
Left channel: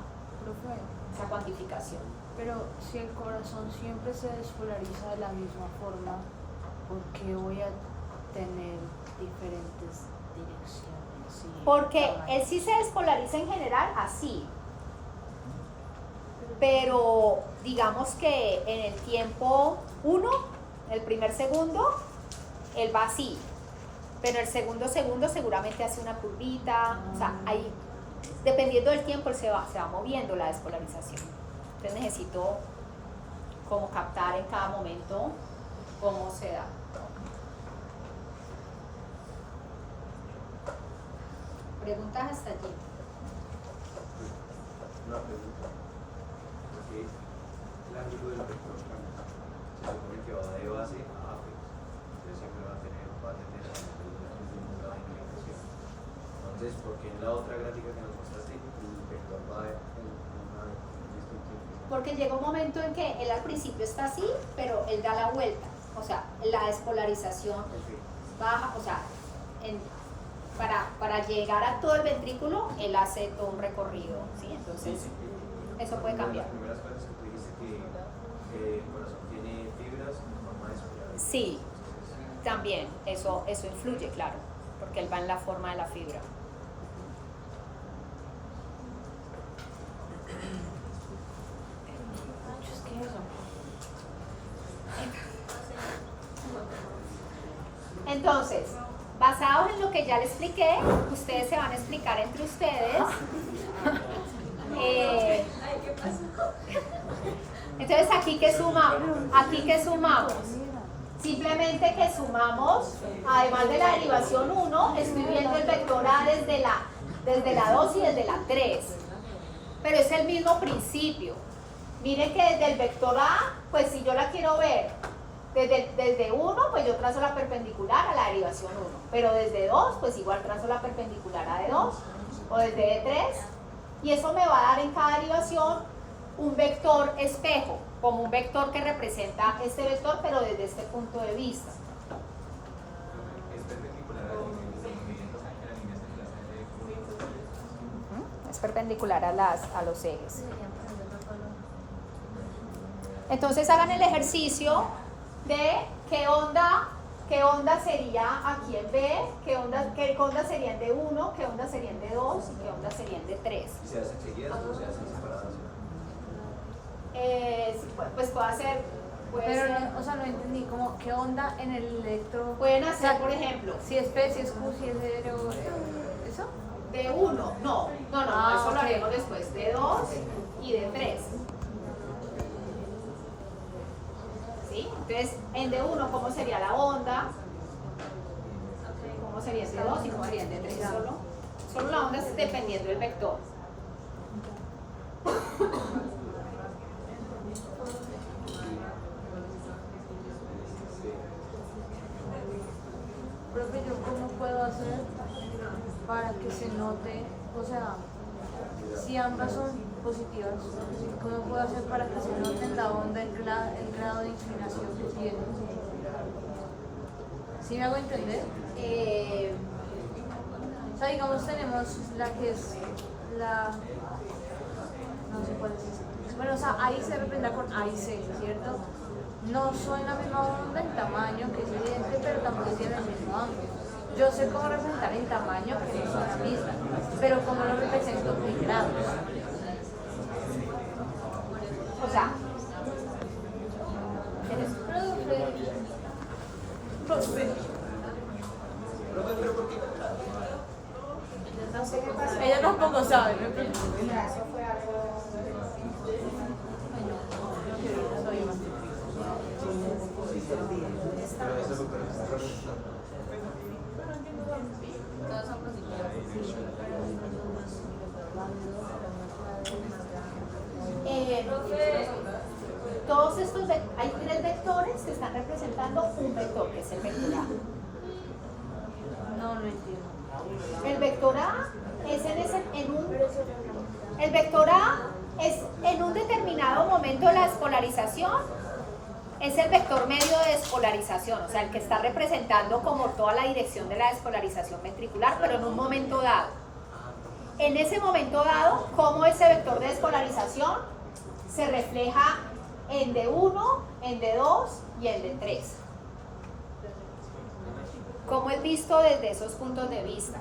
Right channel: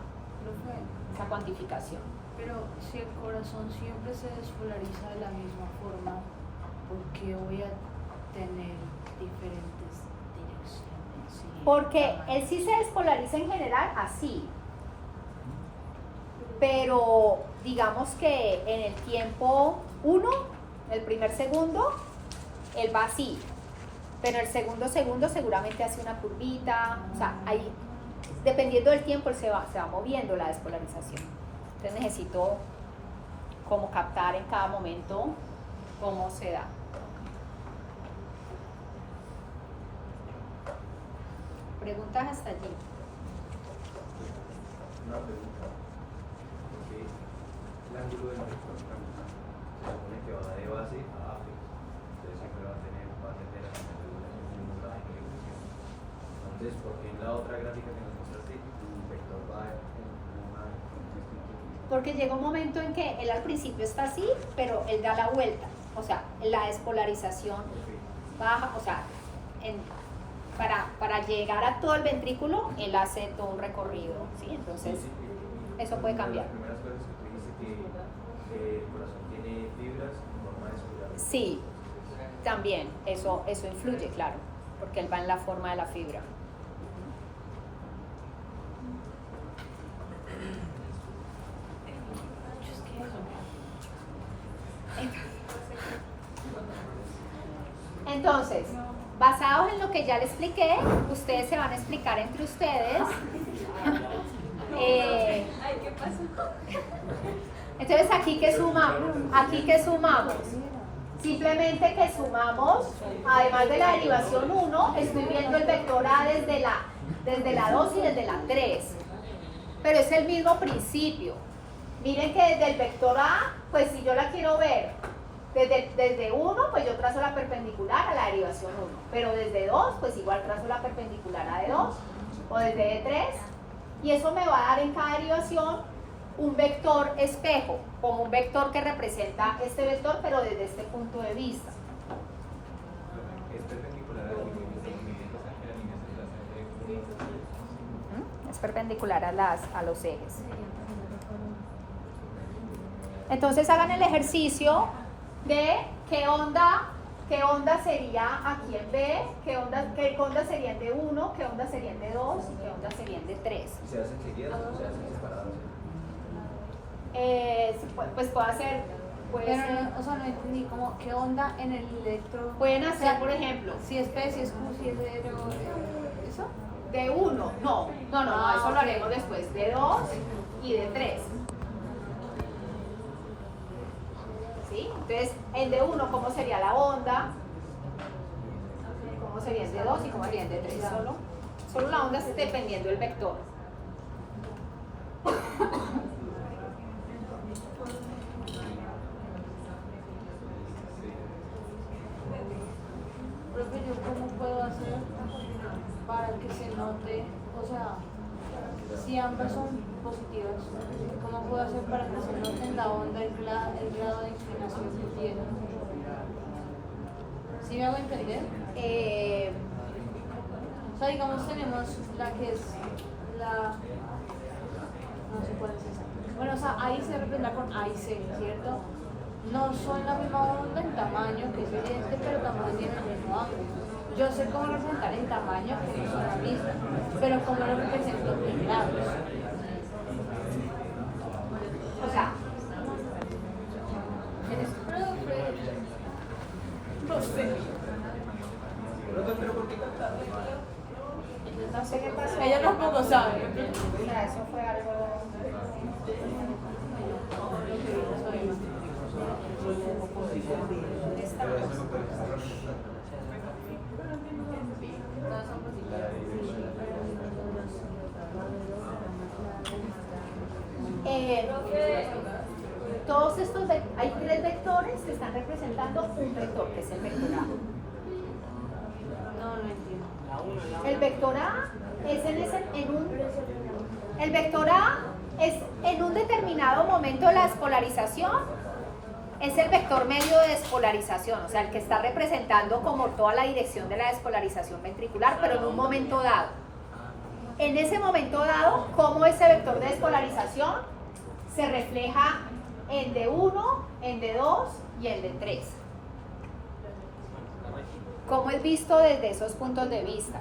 cuantificación. Pero si el corazón siempre se despolariza de la misma forma, ¿por qué voy a tener diferentes direcciones? Sí. Porque él sí se despolariza en general así, pero digamos que en el tiempo 1, el primer segundo, él va así, pero el segundo seguramente hace una curvita, o sea, ahí, dependiendo del tiempo él se va moviendo la despolarización. Entonces necesito como captar en cada momento cómo se da. Preguntas hasta allí. Una pregunta. Porque el ángulo del vector cambia. Se supone que va de base a apex. Entonces siempre va a tener la inclinación. Entonces, porque en la otra gráfica que nos mostraste, el vector va en una distinta. Porque llega un momento en que él al principio está así, pero él da la vuelta. O sea, la despolarización baja, o sea, para llegar a todo el ventrículo, él hace todo un recorrido, ¿sí? Entonces, eso puede cambiar. Las primeras cosas que tú dijiste que el corazón tiene fibras en forma de espiral. Sí, también, eso influye, claro, porque él va en la forma de la fibra. Entonces, basados en lo que ya les expliqué, ustedes se van a explicar entre ustedes. Entonces Entonces, ¿aquí qué sumamos? ¿Aquí qué sumamos? Simplemente que sumamos, además de la derivación 1, estoy viendo el vector A desde la 2 y desde la 3. Pero es el mismo principio. Miren que desde el vector A, pues si yo la quiero ver desde 1, pues yo trazo la perpendicular a la derivación 1. Pero desde 2, pues igual trazo la perpendicular a D2 o desde D3. Y eso me va a dar en cada derivación un vector espejo, como un vector que representa este vector, pero desde este punto de vista. Es perpendicular a los movimientos de la línea de Es perpendicular a los ejes. Entonces hagan el ejercicio de qué onda sería aquí en B, qué onda sería en D1, qué onda sería en D2 y qué onda sería en D3. ¿Y se hacen seguidas o se hacen separadas? Pues puede ser. Pero no, o sea, no entendí como qué onda en el electro. Pueden hacer, por ejemplo, Si es P, si es Q, si es 0, ¿eso? D1, no, eso lo ok. haremos después, D2 y D3. ¿Sí? Entonces, en D1, ¿cómo sería la onda? ¿Cómo sería en D2 y cómo sería en D3? Solo la onda es dependiendo del vector. Profe, ¿yo cómo puedo hacer para que se note, o sea, si ambas son positivas, cómo puedo hacer para que se note en la onda el grado de inclinación que tiene? ¿Sí me hago entender? O sea, digamos, tenemos la que es la... no sé cuál es. Bueno, o sea, ahí se representa con A y C, ¿cierto? No son la misma onda en tamaño, que es evidente, pero tampoco tienen el mismo ángulo. Yo sé cómo representar en tamaño, que no son la misma, pero cómo lo represento en grados. O sea, ella tampoco sabe. Todos son positivos. todos estos, hay tres vectores que están representando un vector, que es el vector A. No entiendo. El vector A es el vector A es en un determinado momento de la despolarización, es el vector medio de despolarización, o sea, el que está representando como toda la dirección de la despolarización ventricular, pero en un momento dado. En ese momento dado, ¿cómo ese vector de despolarización se refleja en D1, en D2 y en D3? ¿Cómo es visto desde esos puntos de vista?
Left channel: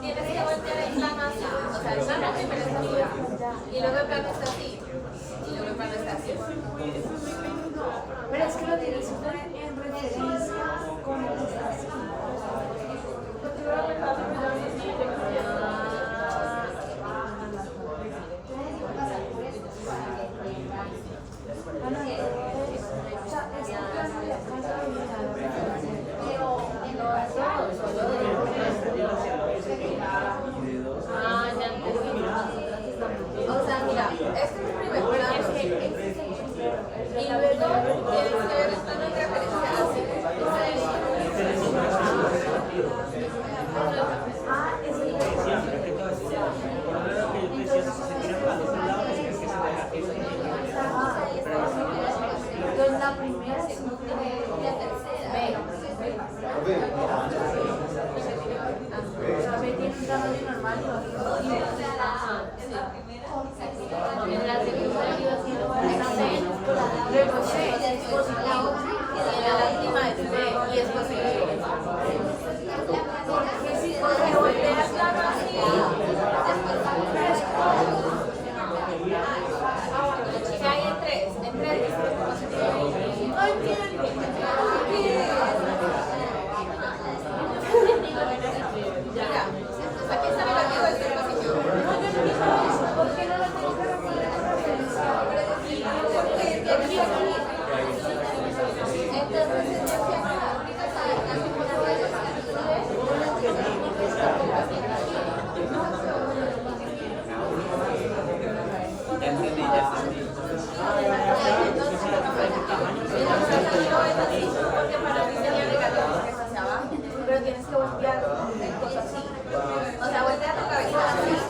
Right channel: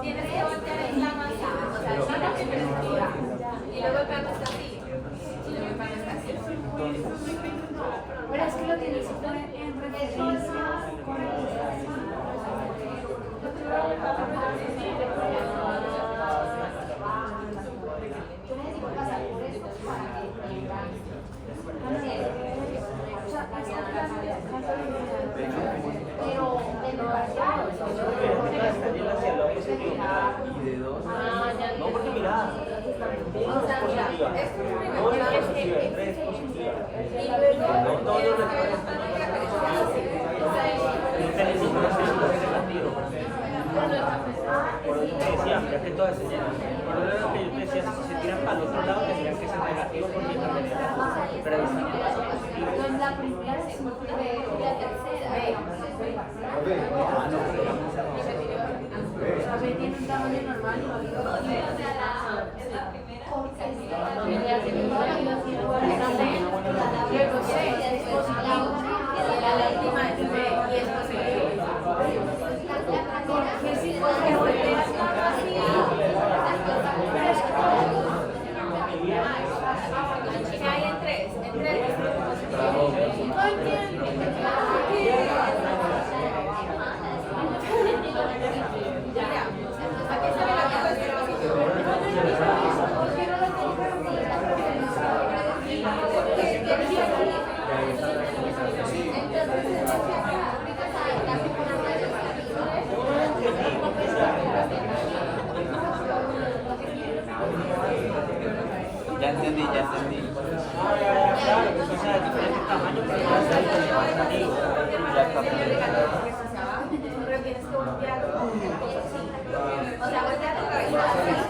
Tienes que voltear el plano así, o sea, el plano primero está así, y luego el plano está así, y luego el plano está así. Pero es que lo tienes que poner en referencia con la estación. O sea, mira, este es el primer plano, y luego tienes que ver el plano en referencia así. O sea, Entonces la primera es un primero y la tercera. O sea, B tiene un tamaño normal y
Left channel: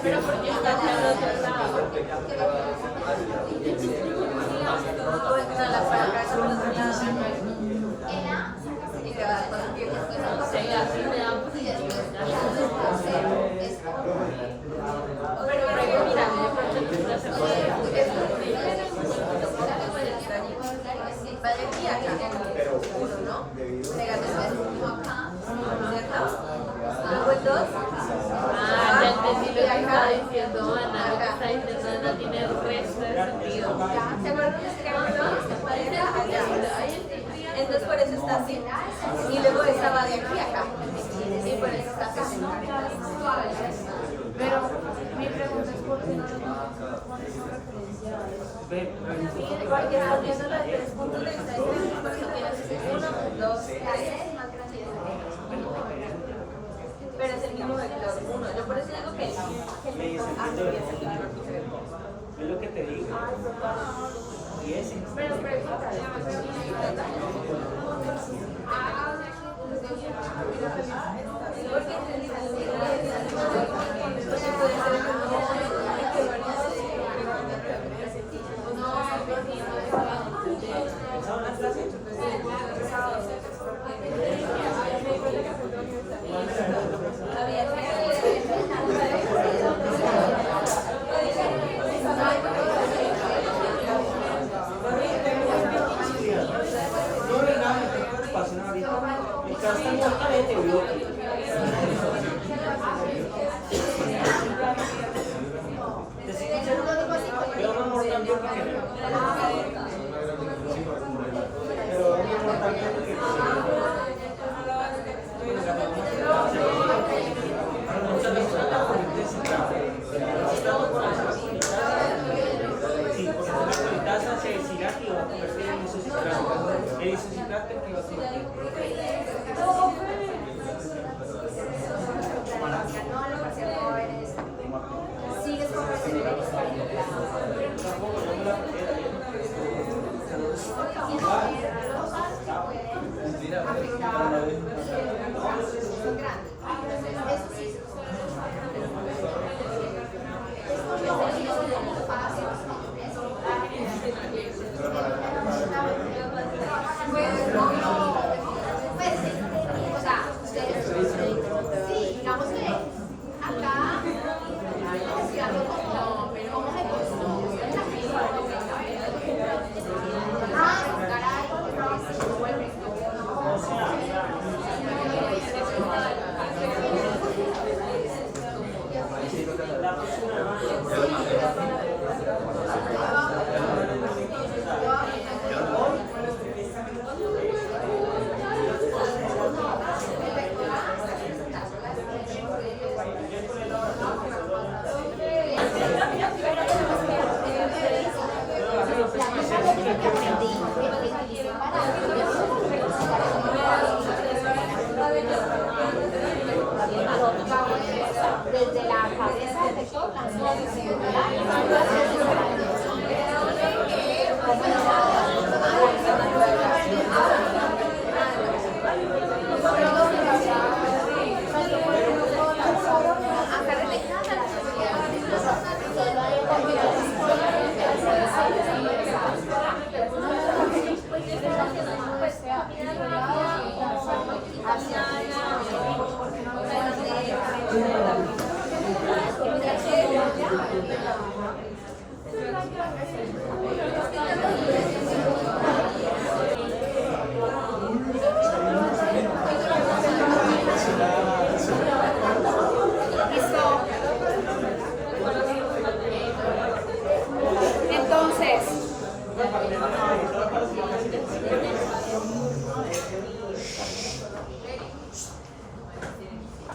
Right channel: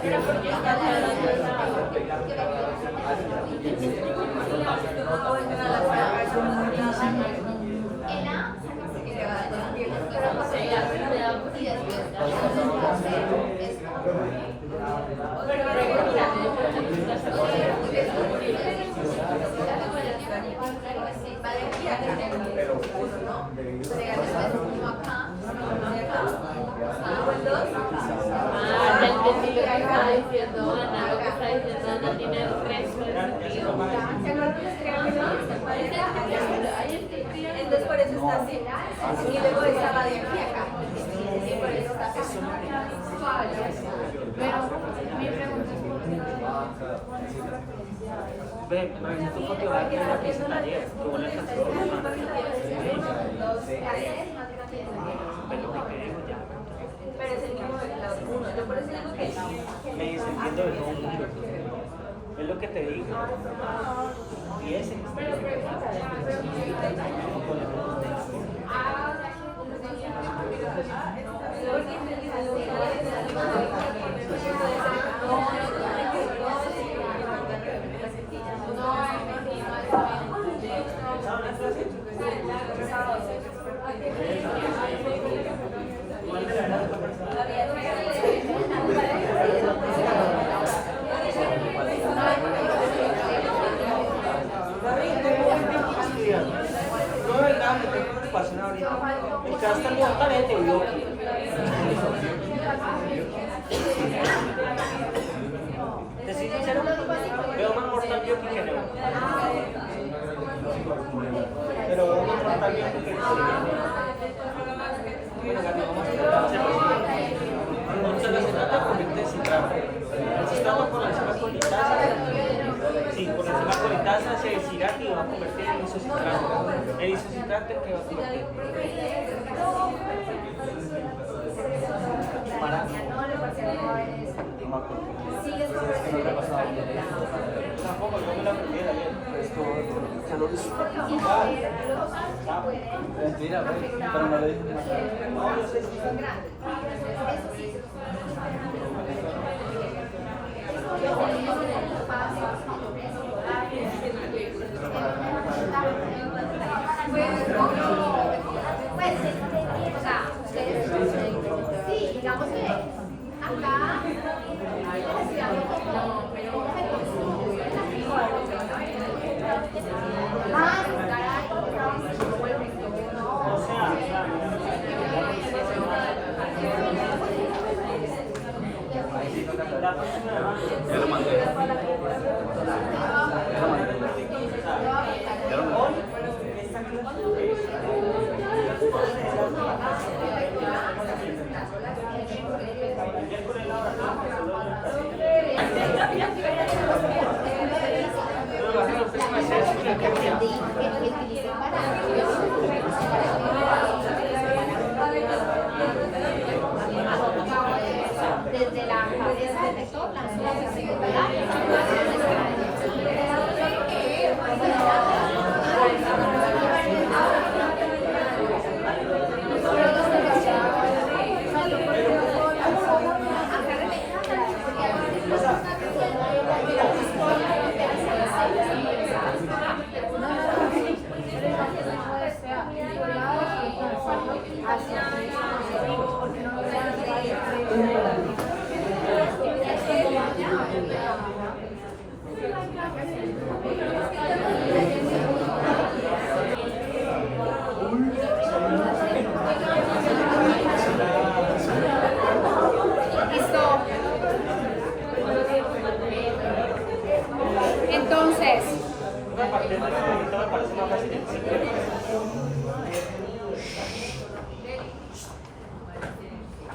Pero porque está haciendo o entra a la placa, esa persona En A, y le va a decir, se hace de A y después es pero va de aquí a acá. Legalmente es uno acá, uno acá. Después dos. Ah, ya entendí lo que está diciendo Ana, lo que está diciendo Ana tiene el resto de sentido. Entonces por eso está así. Y luego esta va de aquí a acá. Y por eso está acá. Pero mi pregunta es por qué no le referencia a eso. Porque está viendo las 3 puntos de vista diferentes porque tienes 1, 2, 3. Pero es el mismo la 1. Yo por eso digo que Es lo que te digo. Y ese. Sigues con sí, digamos que acá ¿cómo se construye la vida? Como el rector, desde la cabeza del vector lanza la visibilidad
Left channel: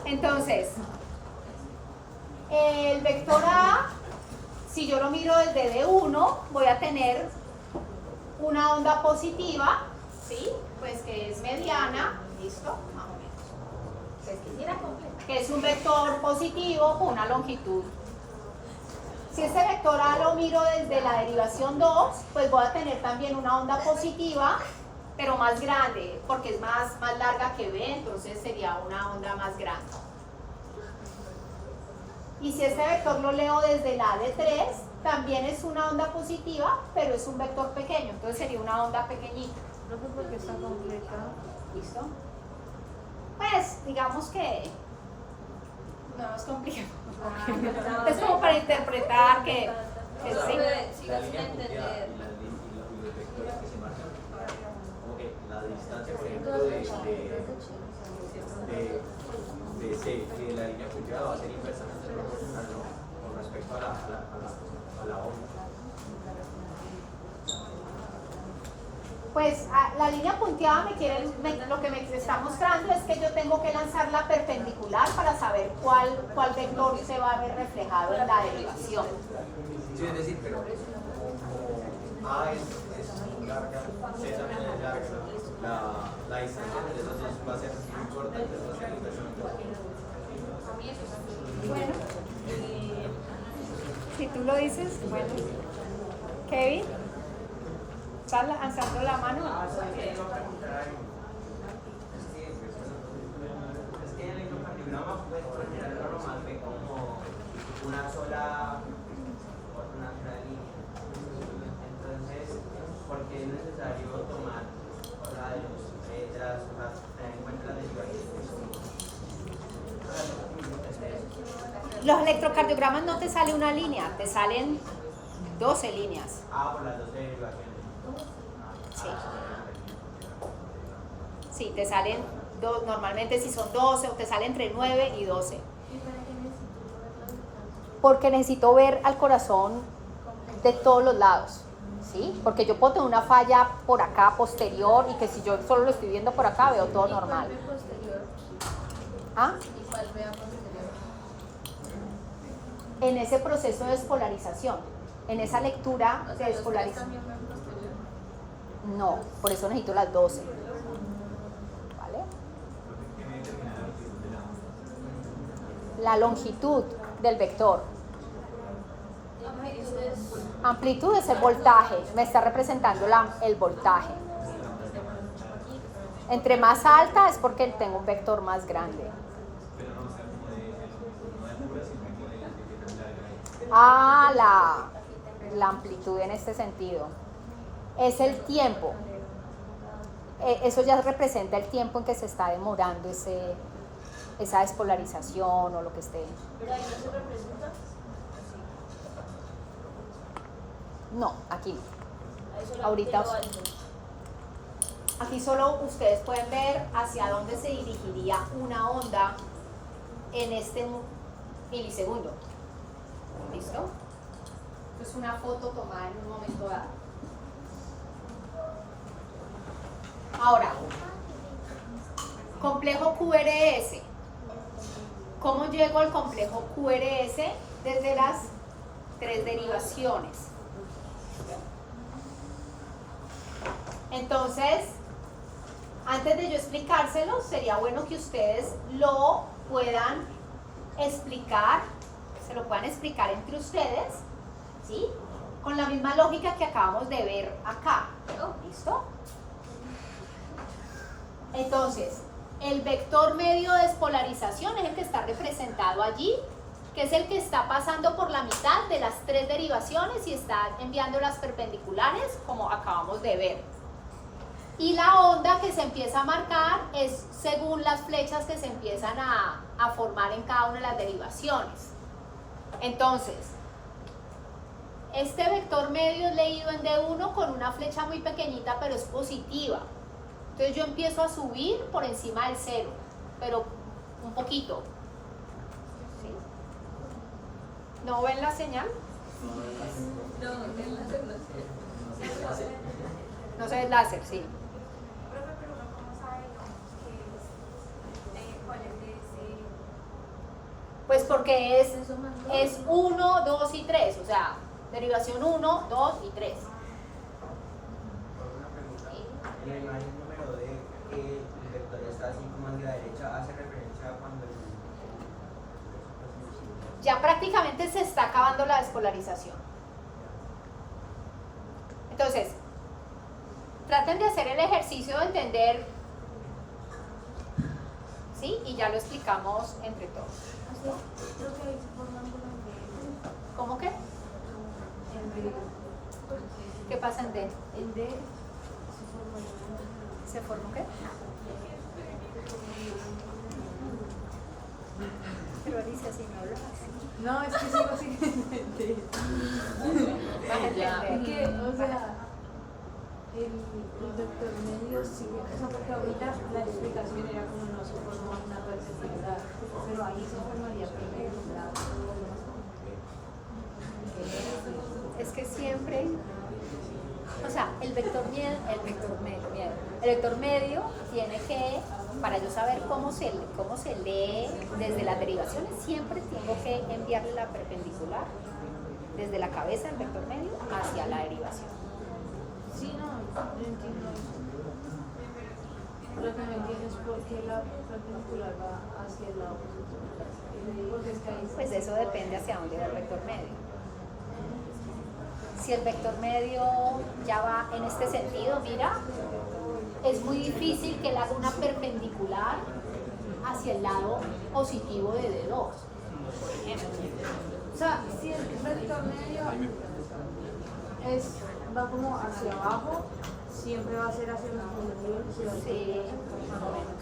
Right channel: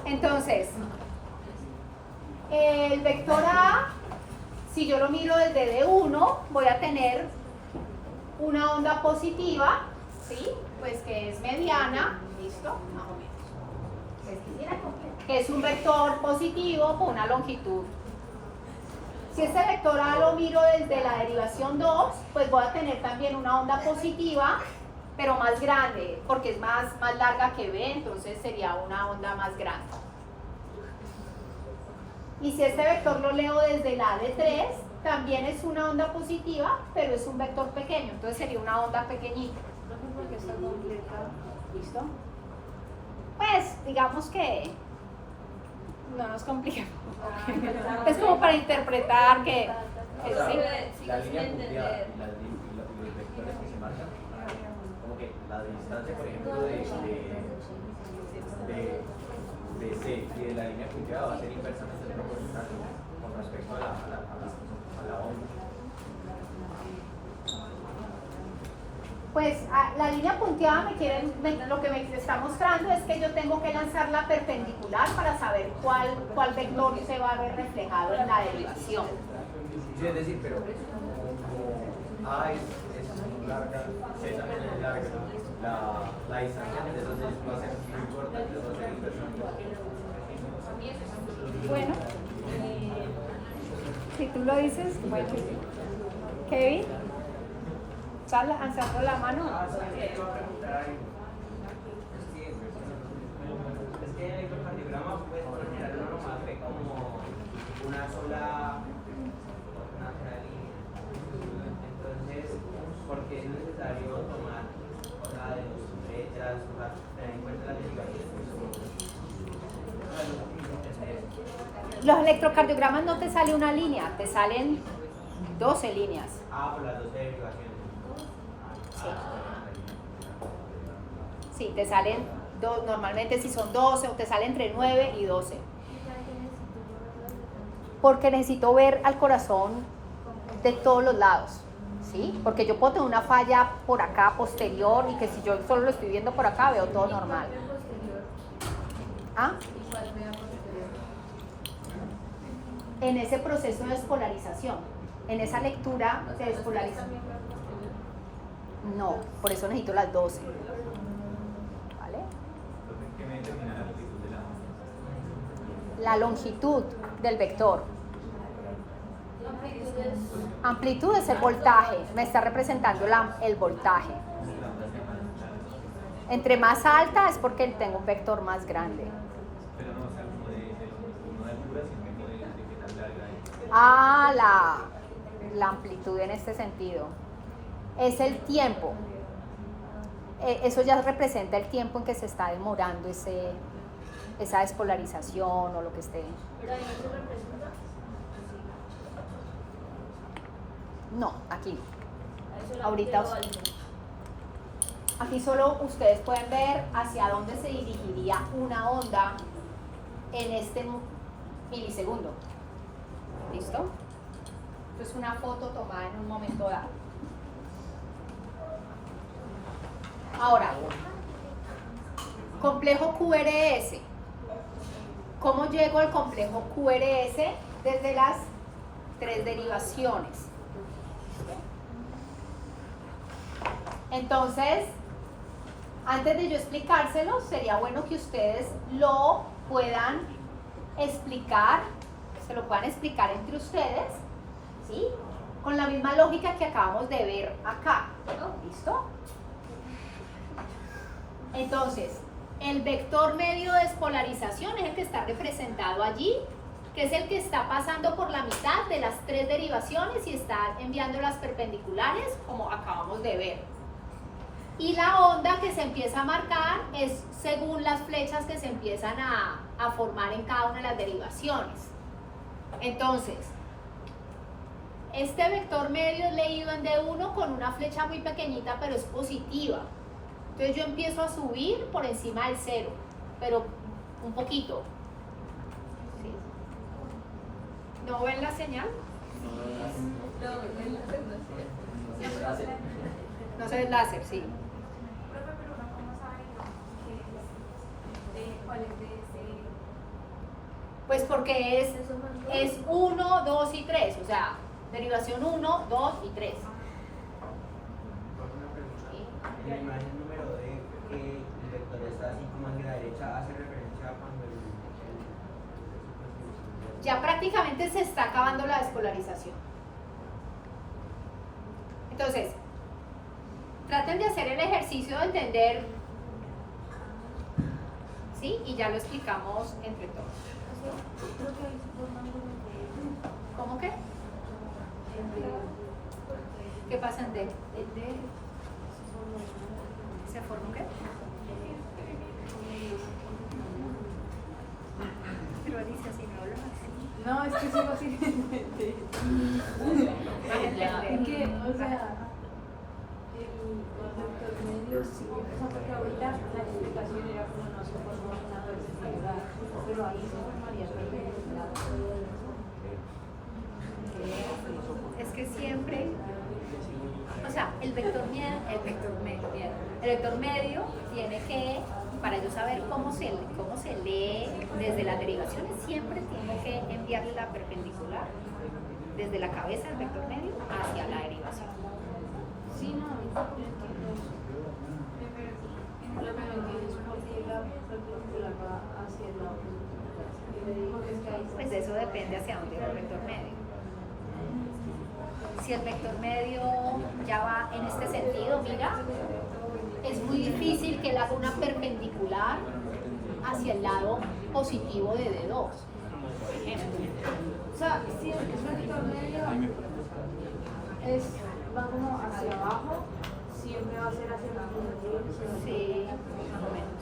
Entonces, el vector A, si yo lo miro desde D1, voy a tener una onda positiva, ¿sí? Pues que es mediana, ¿listo? Más o menos. Que es un vector positivo con una longitud. Si este vector A lo miro desde la derivación 2, pues voy a tener también una onda positiva, pero más grande, porque es más larga que B, entonces sería una onda más grande. Y si este vector lo leo desde la de 3, también es una onda positiva, pero es un vector pequeño, entonces sería una onda pequeñita. Porque está complicado. ¿Listo? Pues digamos que no nos compliquemos. Es como para interpretar que... La línea punteada y los vectores que se marcan, como que la distancia, por ejemplo, de C y de la línea punteada va a ser inversamente proporcional, ¿no? Con respecto a la onda. Pues la línea punteada lo que me está mostrando es que yo tengo que lanzar la perpendicular para saber cuál vector se va a ver reflejado en la derivación. Sí, es decir, pero como A es larga, C también es larga, la distancia entre esos dos va a ser muy corta, entonces va a ser inversamente proporcional. Bueno, si tú lo dices, bueno. Kevin, ¿estás alzando la mano? Es que en el electrocardiograma pues por general uno más ve como una sola línea. Entonces, ¿por qué es necesario tomar la de los letras, tener en cuenta las derivaciones? Los electrocardiogramas no te sale una línea, te salen 12 líneas. Por las 12 derivaciones. Sí, te salen, normalmente si son 12 o te salen entre 9 y 12. Porque necesito ver al corazón de todos los lados, ¿sí? Porque yo puedo tener una falla por acá posterior y que si yo solo lo estoy viendo por acá veo todo normal. ¿Ah? En ese proceso de despolarización, en esa lectura de despolarización. No, por eso necesito las 12. ¿Vale? La longitud del vector. Amplitud es el voltaje, me está representando el voltaje. Entre más alta es porque tengo un vector más grande. La amplitud en este sentido es el tiempo. Eso ya representa el tiempo en que se está demorando esa despolarización o lo que esté. No, aquí no. Ahorita aquí solo ustedes pueden ver hacia dónde se dirigiría una onda en este milisegundo. ¿Listo? Esto es una foto tomada en un momento dado. Ahora, complejo QRS. ¿Cómo llego al complejo QRS? Desde las 3 derivaciones. Entonces, antes de yo explicárselo, sería bueno que ustedes lo puedan explicar, se lo puedan explicar entre ustedes, ¿sí? Con la misma lógica que acabamos de ver acá. ¿Listo? Entonces, el vector medio de despolarización es el que está representado allí, que es el que está pasando por la mitad de las 3 derivaciones y está enviando las perpendiculares, como acabamos de ver. Y la onda que se empieza a marcar es según las flechas que se empiezan a formar en cada una de las derivaciones. Entonces, este vector medio es leído en D1 con una flecha muy pequeñita, pero es positiva. Entonces yo empiezo a subir por encima del 0, pero un poquito. ¿Sí? ¿No ven la señal? No se ve el láser, sí. Pues porque es 1, 2 y 3, o sea, derivación 1, 2 y 3. En la imagen número D, que el vector está así como hacia la derecha, hace referencia a cuando Ya prácticamente se está acabando la despolarización. Entonces, traten de hacer el ejercicio de entender, ¿sí? Y ya lo explicamos entre todos. ¿Cómo qué? ¿Qué pasa en D? El D ¿Se forma qué? Pero dice así, no hablo así. no, es que sigo sin entender. Es que, o sea, el doctor medio sí, o sea, porque ahorita la explicación era como no se forma una perspectiva, pero ahí se formaría perspectiva. Es que siempre, o sea, el vector medio tiene que, para yo saber cómo se lee desde las derivaciones, siempre tengo que enviarle la perpendicular desde la cabeza del vector medio hacia la derivación. Sí, no, entiendo eso. Lo que no entiendo es por qué la perpendicular va hacia el lado. Porque es que ahí Pues eso depende hacia dónde va el vector medio. Si el vector medio ya va en este sentido, mira, es muy difícil que él haga una perpendicular hacia el lado positivo de D2, por ejemplo. o sea, si el vector medio va como hacia abajo, siempre va a ser hacia el positivo. Sí, más o menos.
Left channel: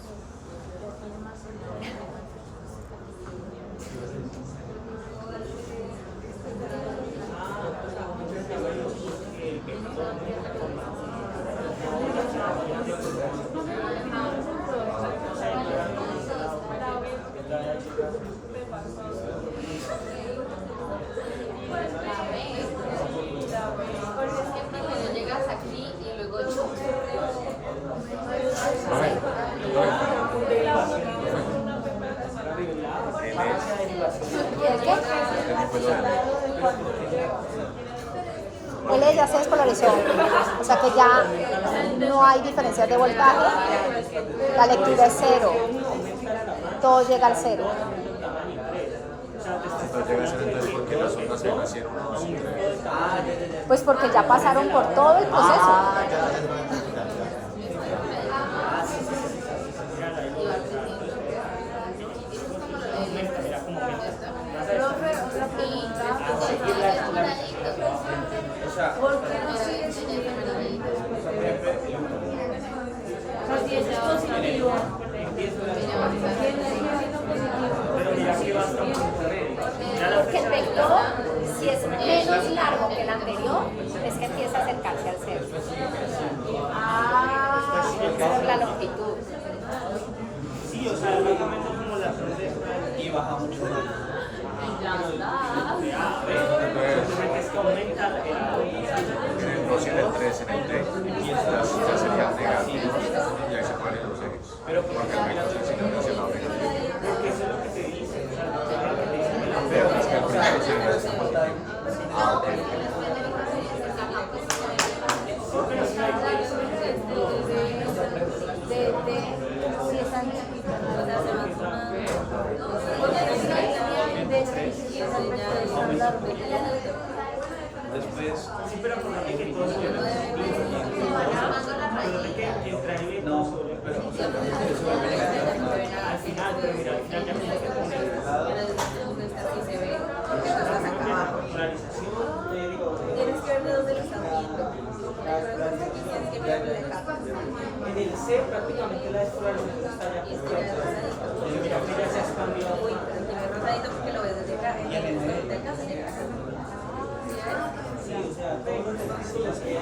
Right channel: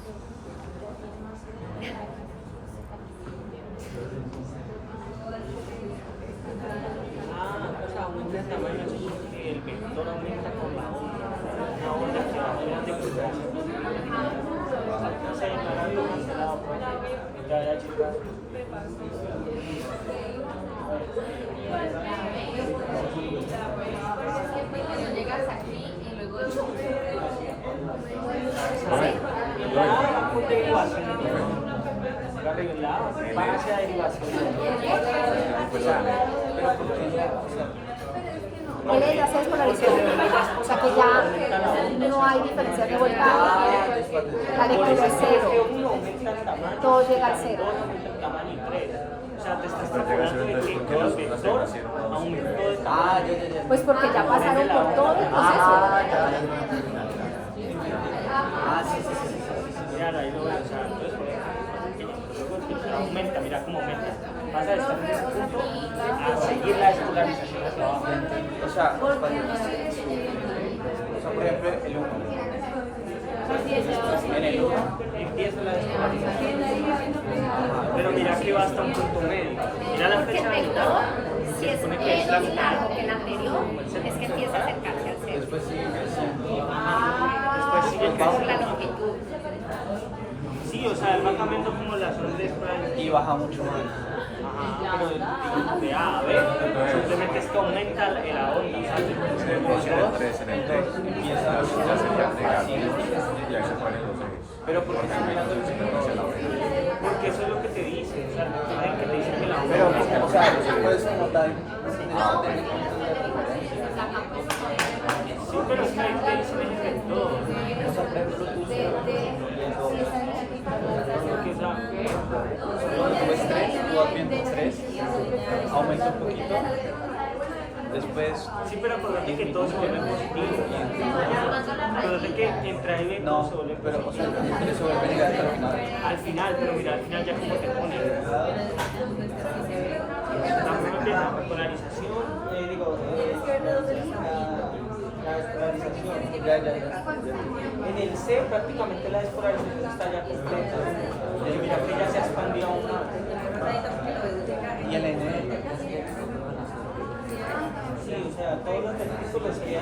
Llegas aquí y luego Él ya se despolarizó, o sea que ya no hay diferencias de voltaje, la lectura es cero, todo llega al cero. Pues porque ya pasaron por todo el proceso. Porque el vector, si es menos largo que el anterior, es que empieza a acercarse al cero. Por la longitud. Sí, o sea, básicamente como las ondas Y baja mucho. a ver, simplemente es que aumenta el ahorro. Pero porque eso es lo que te dice, o sea, que te dice que la pero si no hay Después, sí, pero acuérdate que todo se ve positivo. Acuérdate que entra en el sobre, pero al final, pero mira, al final ya como que la polarización. Tienes que ver de dónde lo están viendo. En el C prácticamente la despolarización está ya completa. Yo creo que ya se expandió. Y en el D. Sí, o sea, todos los testículos que ya.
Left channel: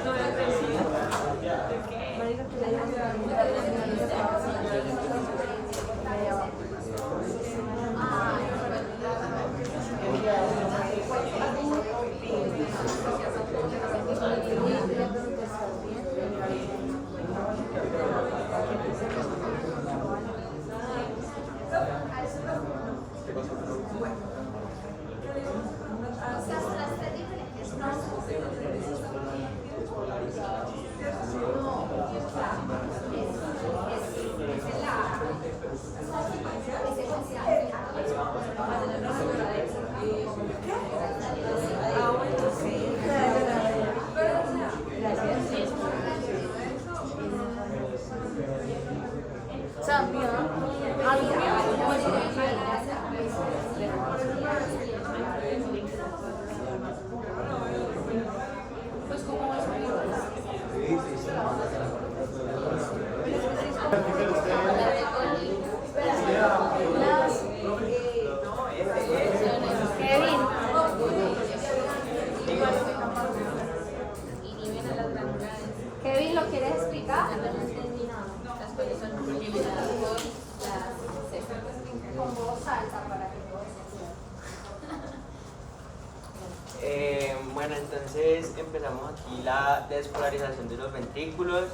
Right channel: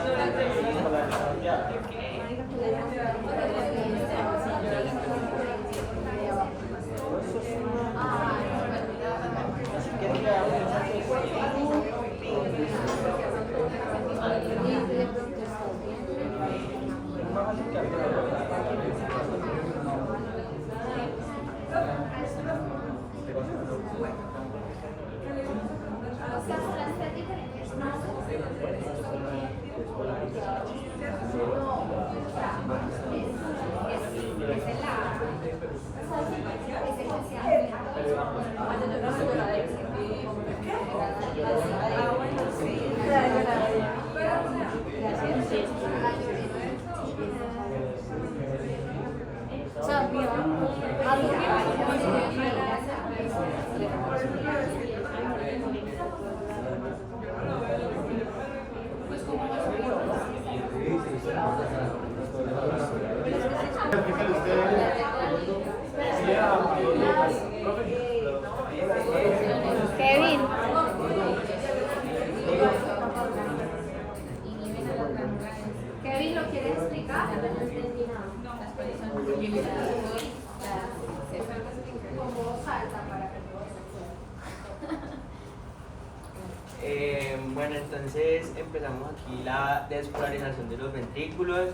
Bueno, entonces empezamos aquí la despolarización de los ventrículos.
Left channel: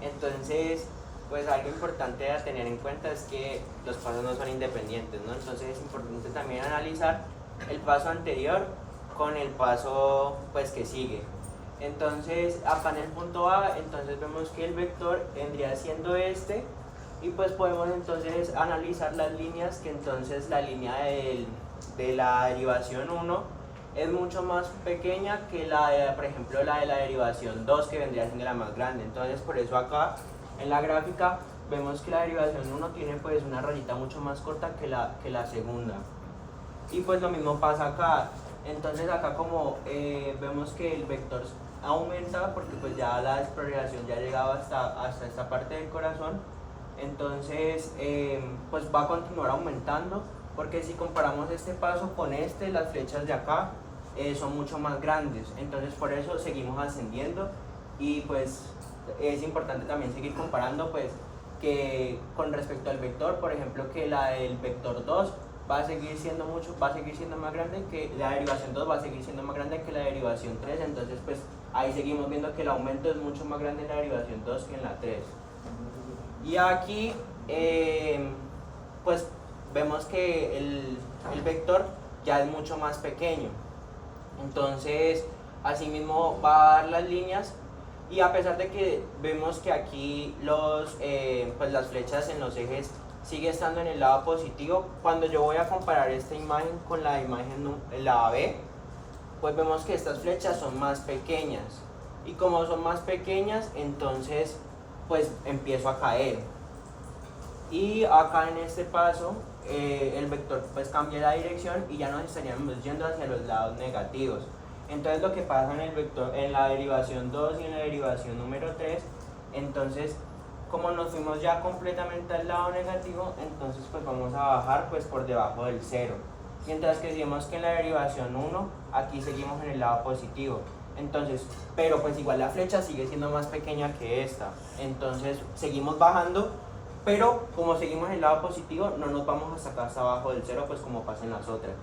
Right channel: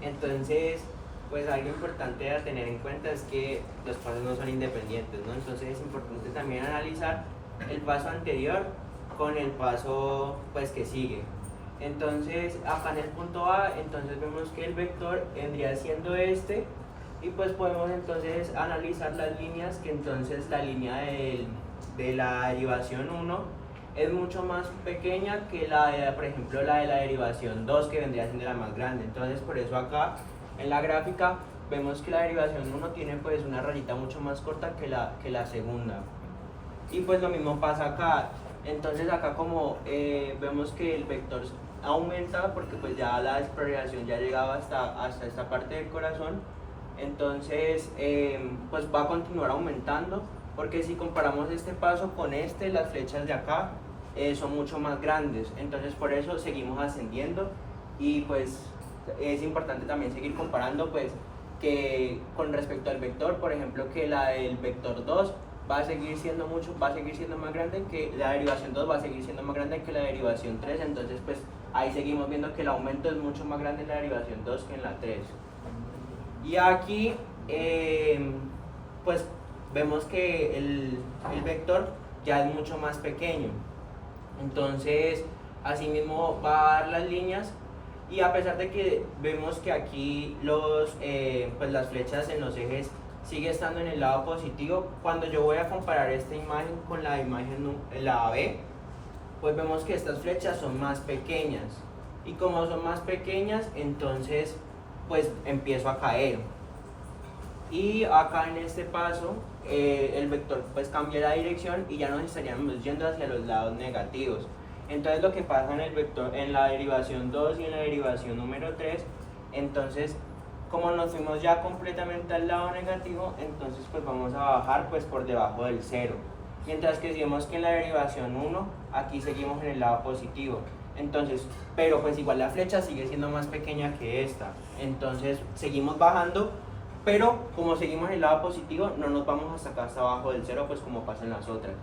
Entonces, pues algo importante a tener en cuenta es que los pasos no son independientes, ¿no? Entonces es importante también analizar el paso anterior con el paso pues que sigue. Entonces acá en el punto A, entonces vemos que el vector vendría siendo este, y pues podemos entonces analizar las líneas, que entonces la línea de la derivación 1 es mucho más pequeña que la de, por ejemplo, la de la derivación 2, que vendría siendo la más grande. Entonces por eso acá en la gráfica vemos que la derivación 1 tiene pues una rayita mucho más corta que la segunda. Y pues lo mismo pasa acá. Entonces acá como vemos que el vector aumenta porque pues ya la despolarización ya ha llegado hasta esta parte del corazón, entonces pues va a continuar aumentando, porque si comparamos este paso con este, las flechas de acá son mucho más grandes, entonces por eso seguimos ascendiendo. Y pues es importante también seguir comparando pues que con respecto al vector, por ejemplo, que la del vector 2 va a seguir siendo más grande que la derivación 2, va a seguir siendo más grande que la derivación 3, entonces pues ahí seguimos viendo que el aumento es mucho más grande en la derivación 2 que en la 3. Y aquí pues vemos que el vector ya es mucho más pequeño, entonces asimismo va a dar las líneas. Y a pesar de que vemos que aquí pues las flechas en los ejes sigue estando en el lado positivo, cuando yo voy a comparar esta imagen con la imagen la B, pues vemos que estas flechas son más pequeñas, y como son más pequeñas, entonces pues empiezo a caer. Y acá en este paso el vector pues cambia la dirección y ya nos estaríamos yendo hacia los lados negativos. Entonces lo que pasa en el vector, en la derivación 2 y en la derivación número 3, entonces como nos fuimos ya completamente al lado negativo, entonces pues vamos a bajar pues por debajo del 0. Mientras que si vemos que en la derivación 1, aquí seguimos en el lado positivo. Entonces, pero pues igual la flecha sigue siendo más pequeña que esta. Entonces seguimos bajando, pero como seguimos en el lado positivo, no nos vamos a sacar hasta abajo del 0, pues como pasa en las otras.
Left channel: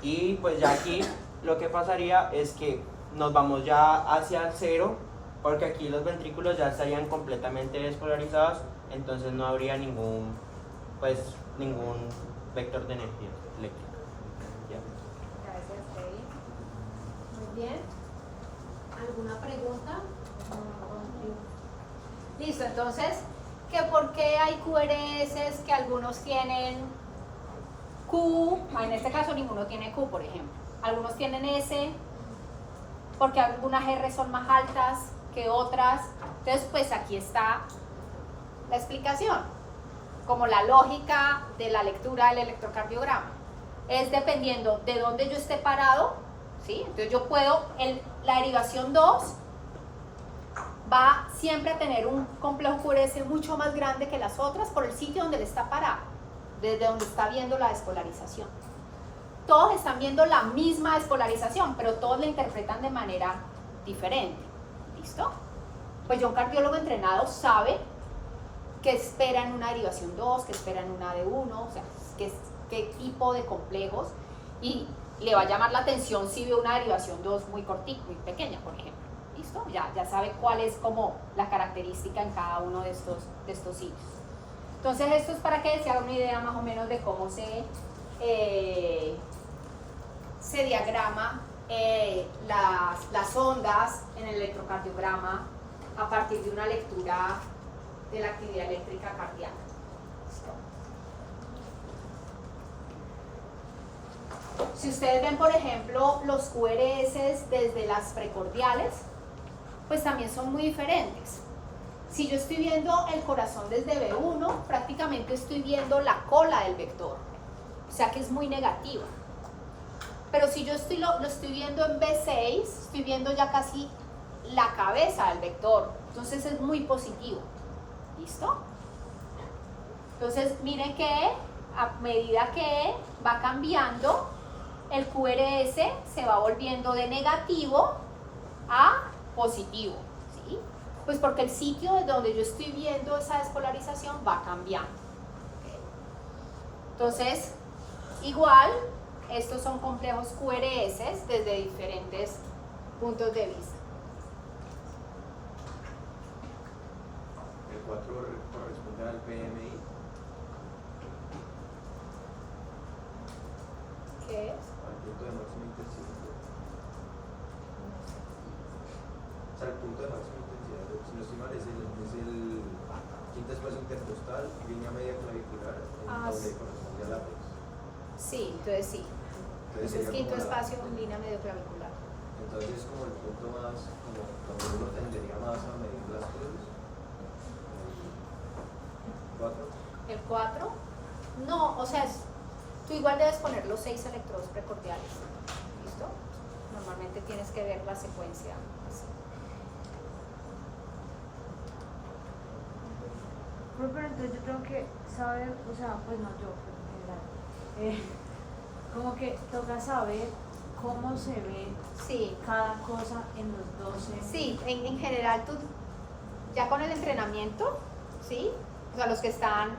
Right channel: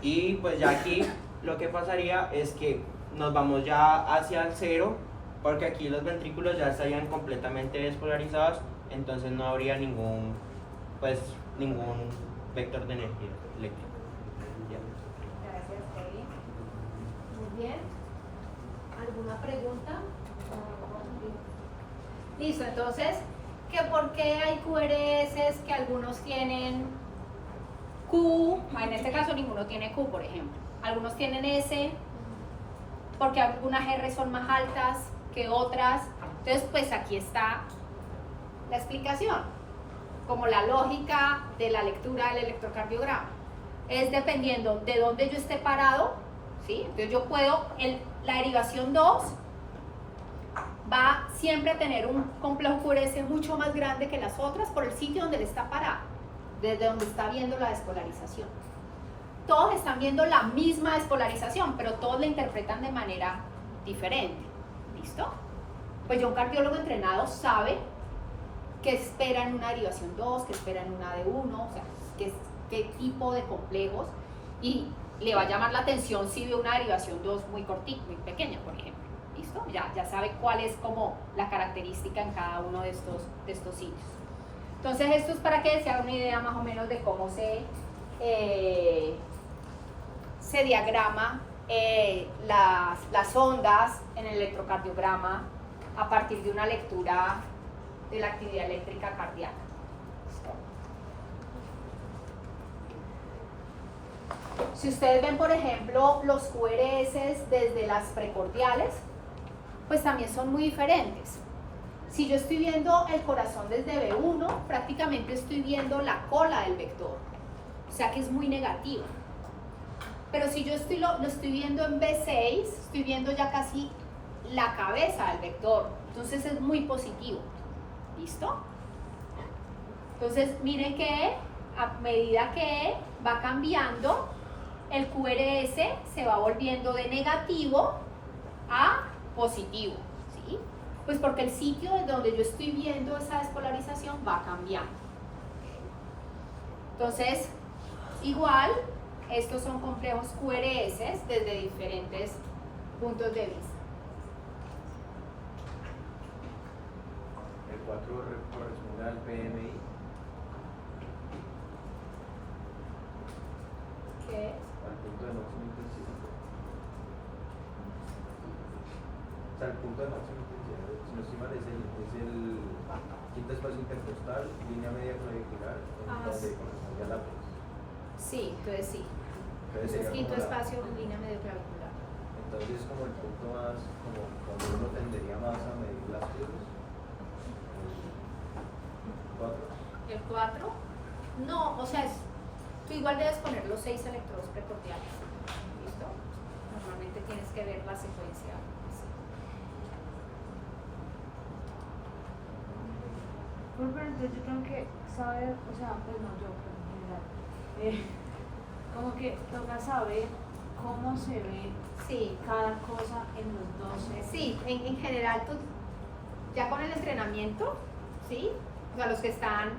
Y pues ya aquí lo que pasaría es que nos vamos ya hacia el 0, porque aquí los ventrículos ya estarían completamente despolarizados, entonces no habría ningún vector de energía eléctrica. Gracias, Kevin. Muy bien. ¿Alguna pregunta? Listo, entonces, ¿que por qué hay QRS que algunos tienen Q? En este caso ninguno tiene Q, por ejemplo. Algunos tienen S, porque algunas R son más altas que otras. Entonces, pues aquí está la explicación, como la lógica de la lectura del electrocardiograma. Es dependiendo de dónde yo esté parado, ¿sí? Entonces yo puedo, la derivación 2 va siempre a tener un complejo QRS mucho más grande que las otras por el sitio donde él está parado, desde donde está viendo la despolarización. Todos están viendo la misma despolarización, pero todos la interpretan de manera diferente. ¿Listo? Pues ya un cardiólogo entrenado sabe qué espera en una derivación 2, qué espera en una de 1, o sea, qué tipo de complejos, y le va a llamar la atención si ve una derivación 2 muy cortita, muy pequeña, por ejemplo. ¿Listo? Ya sabe cuál es como la característica en cada uno de estos sitios. Entonces esto es para que se haga una idea más o menos de cómo se diagrama las ondas en el electrocardiograma a partir de una lectura de la actividad eléctrica cardíaca. ¿Listo? Si ustedes ven, por ejemplo, los QRS desde las precordiales, pues también son muy diferentes. Si yo estoy viendo el corazón desde B1, prácticamente estoy viendo la cola del vector, o sea que es muy negativa. Pero si yo lo estoy viendo en B6, estoy viendo ya casi la cabeza del vector, entonces es muy positivo. ¿Listo? Entonces miren que a medida que va cambiando, el QRS se va volviendo de negativo a positivo, ¿sí? Pues porque el sitio donde yo estoy viendo esa despolarización va cambiando. Entonces, igual, estos son complejos QRS desde diferentes puntos de vista. El 4 corresponde al PMI. ¿Qué es? Al punto de máxima intensidad. O sea, el punto de máxima intensidad, si no estoy mal, es el quinto espacio intercostal, línea media clavicular, donde corresponde al látex. Sí, entonces sí. Entonces Ese es sería quinto como espacio en línea medio clavicular. Entonces es como el punto más, como donde uno tendería más a medir las cruces. El 4. El 4, no, o sea, tú igual debes poner los 6 electrodos precordiales. ¿Listo? Normalmente tienes que ver la secuencia así. Pero entonces yo tengo que saber, o sea, pues no yo, pero en general, como que toca saber cómo se ve Sí, cada cosa en los 12. sí, en general tú, ya con el entrenamiento, ¿sí? O sea, los que están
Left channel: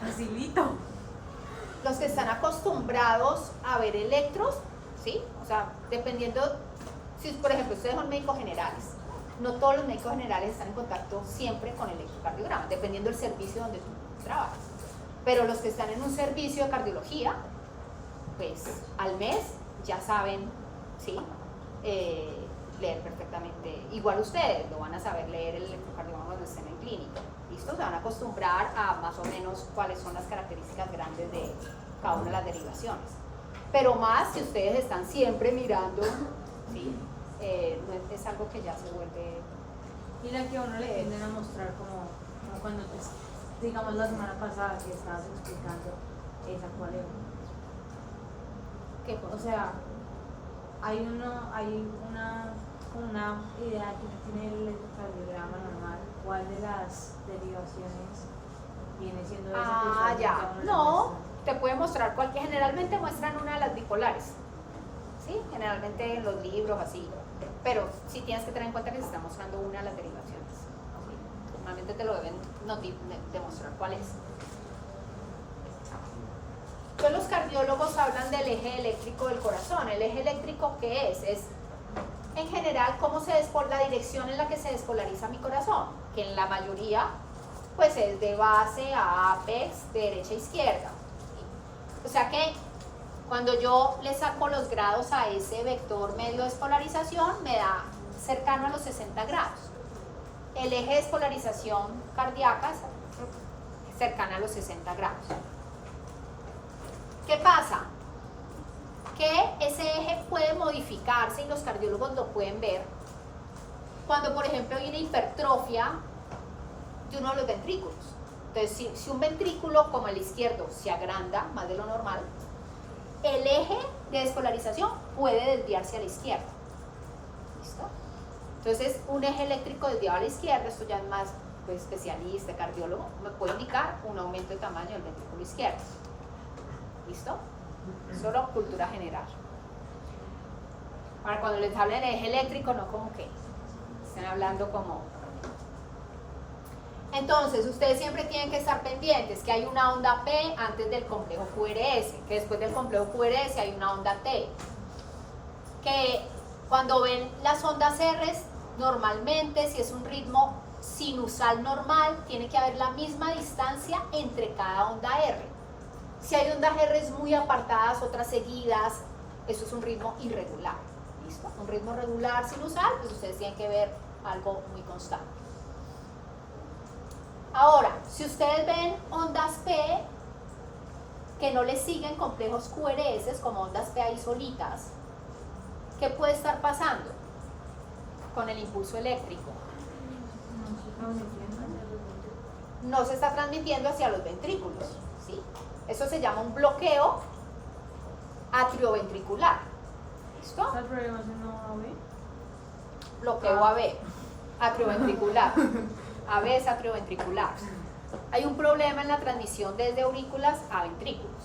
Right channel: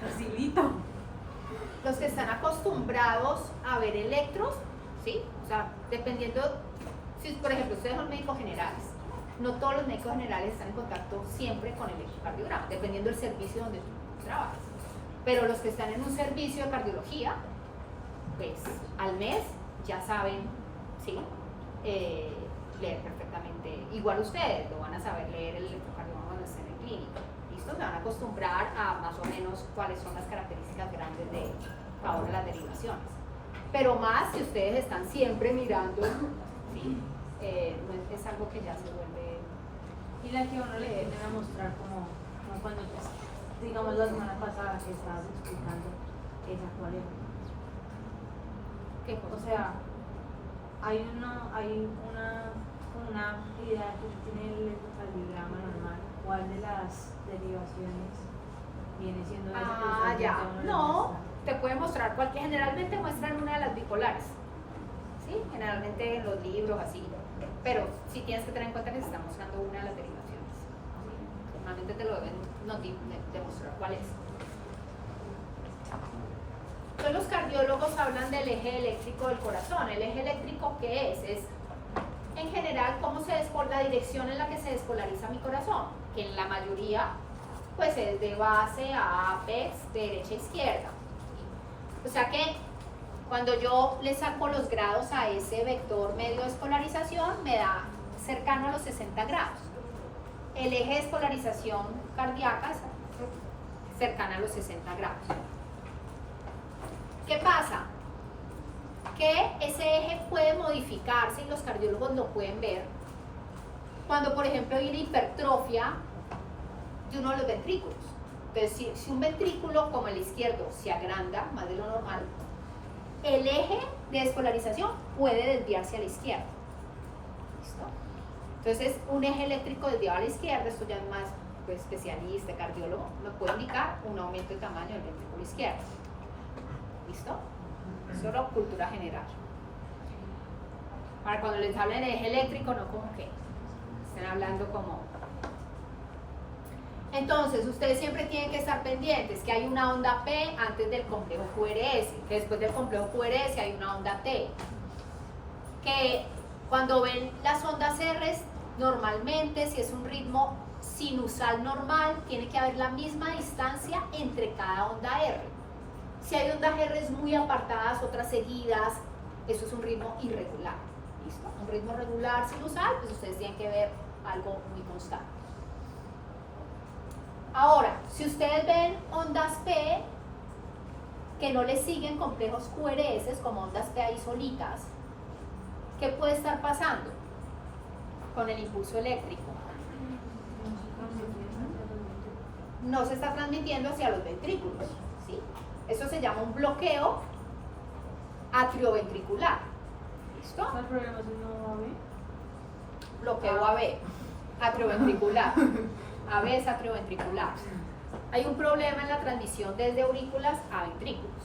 Facilito. acostumbrados a ver electros, ¿sí? O sea, dependiendo, si por ejemplo ustedes son médicos generales, no todos los médicos generales están en contacto siempre con el electrocardiograma, dependiendo del servicio donde tú trabajas. Pero los que están en un servicio de cardiología, pues al mes ya saben, ¿sí? Leer perfectamente. Igual ustedes lo van a saber leer el electrocardiograma cuando estén en clínica. ¿Listo? Se van a acostumbrar a más o menos cuáles son las características grandes de cada una de las derivaciones. Pero más si ustedes están siempre mirando, ¿sí? No es algo que ya se vuelve... Y la que a uno le vienen a mostrar como cuando, pues, digamos la semana pasada que estabas explicando esa cuál era. ¿Qué O cosa? sea, hay una idea que tiene el electrocardiograma normal, cuál de las derivaciones viene siendo esa que Ah, usualmente ya. a uno le No, muestran. te puede mostrar cualquier, generalmente muestran una de las bipolares. ¿Sí? Generalmente en los libros así. Pero sí tienes que tener en cuenta que se está mostrando una de las derivaciones. ¿Sí? Normalmente te lo deben demostrar cuál es. Entonces los cardiólogos hablan del eje eléctrico del corazón. ¿El eje eléctrico qué es? Es en general cómo la dirección en la que se despolariza mi corazón, que en la mayoría pues es de base a apex, de derecha a izquierda. O sea que cuando yo le saco los grados a ese vector medio de despolarización, me da cercano a los 60 grados. El eje de despolarización cardíaca es cercana a los 60 grados. ¿Qué pasa? Que ese eje puede modificarse y los cardiólogos lo pueden ver cuando, por ejemplo, hay una hipertrofia de uno de los ventrículos. Entonces, si un ventrículo como el izquierdo se agranda más de lo normal, el eje de despolarización puede desviarse a la izquierda. ¿Listo? Entonces, un eje eléctrico desviado a la izquierda, esto ya es más especialista, cardiólogo, me puede indicar un aumento de tamaño del ventrículo izquierdo. ¿Listo? Solo cultura general. Para cuando les hablen de eje eléctrico, no como que estén hablando como... Entonces, ustedes siempre tienen que estar pendientes que hay una onda P antes del complejo QRS, que después del complejo QRS hay una onda T. Que cuando ven las ondas R, normalmente, si es un ritmo sinusal normal, tiene que haber la misma distancia entre cada onda R. Si hay ondas R muy apartadas, otras seguidas, eso es un ritmo irregular. ¿Listo? Un ritmo regular sinusal, pues ustedes tienen que ver algo muy constante. Ahora, si ustedes ven ondas P que no les siguen complejos QRS como ondas P ahí solitas, ¿qué puede estar pasando con el impulso eléctrico? No se está transmitiendo hacia los ventrículos, ¿sí? Eso se llama un bloqueo atrioventricular. ¿Listo? ¿Cuál problema es un no AB? Bloqueo AB, atrioventricular. AB es atrioventricular. Hay un problema en la transmisión desde aurículas a ventrículos.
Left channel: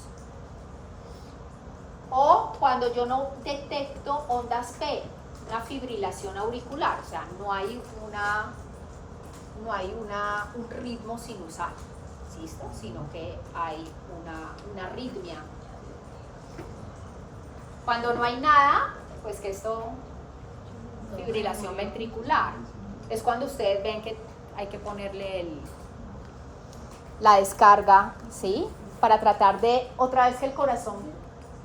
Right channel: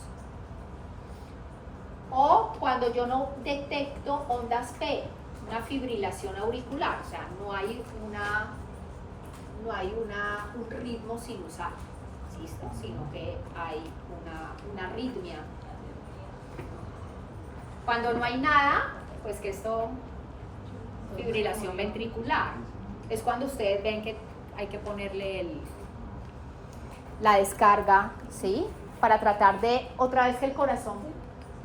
O cuando yo no detecto ondas P, una fibrilación auricular, o sea, no hay un ritmo sinusal, ¿listo? Sino que hay una arritmia. Cuando no hay nada, pues que esto, fibrilación ventricular. Es cuando ustedes ven que hay que ponerle la descarga, ¿sí? Para tratar de otra vez que el corazón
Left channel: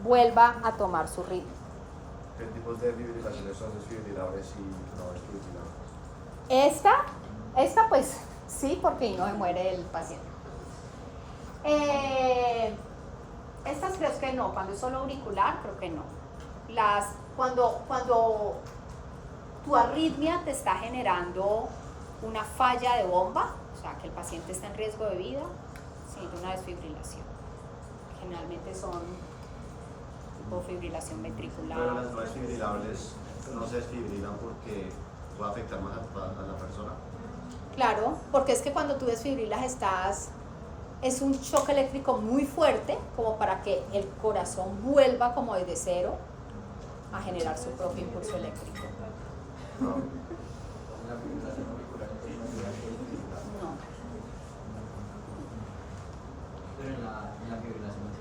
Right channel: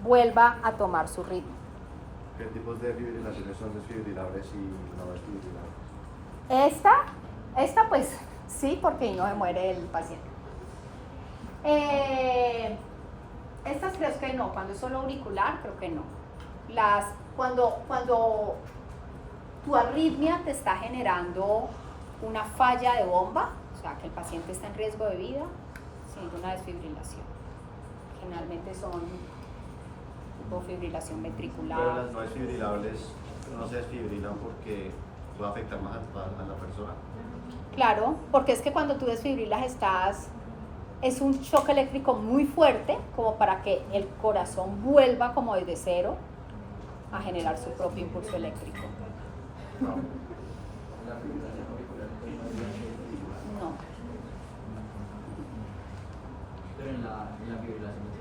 vuelva a tomar su ritmo. ¿Qué tipos de fibrilaciones son desfibrilables y no desfibrilables? Esta pues sí, porque ahí no se muere el paciente. Estas creo que no, cuando es solo auricular creo que no. Cuando tu arritmia te está generando una falla de bomba, o sea que el paciente está en riesgo de vida, siente una desfibrilación. Generalmente son tipo fibrilación ventricular. Pero las no desfibrilables no se desfibrilan porque puede afectar más a la persona. Claro, porque es que cuando tú desfibrilas es un choque eléctrico muy fuerte como para que el corazón vuelva como desde cero a generar su propio impulso eléctrico. No. La fibrilación auricular No. Pero en la fibrilación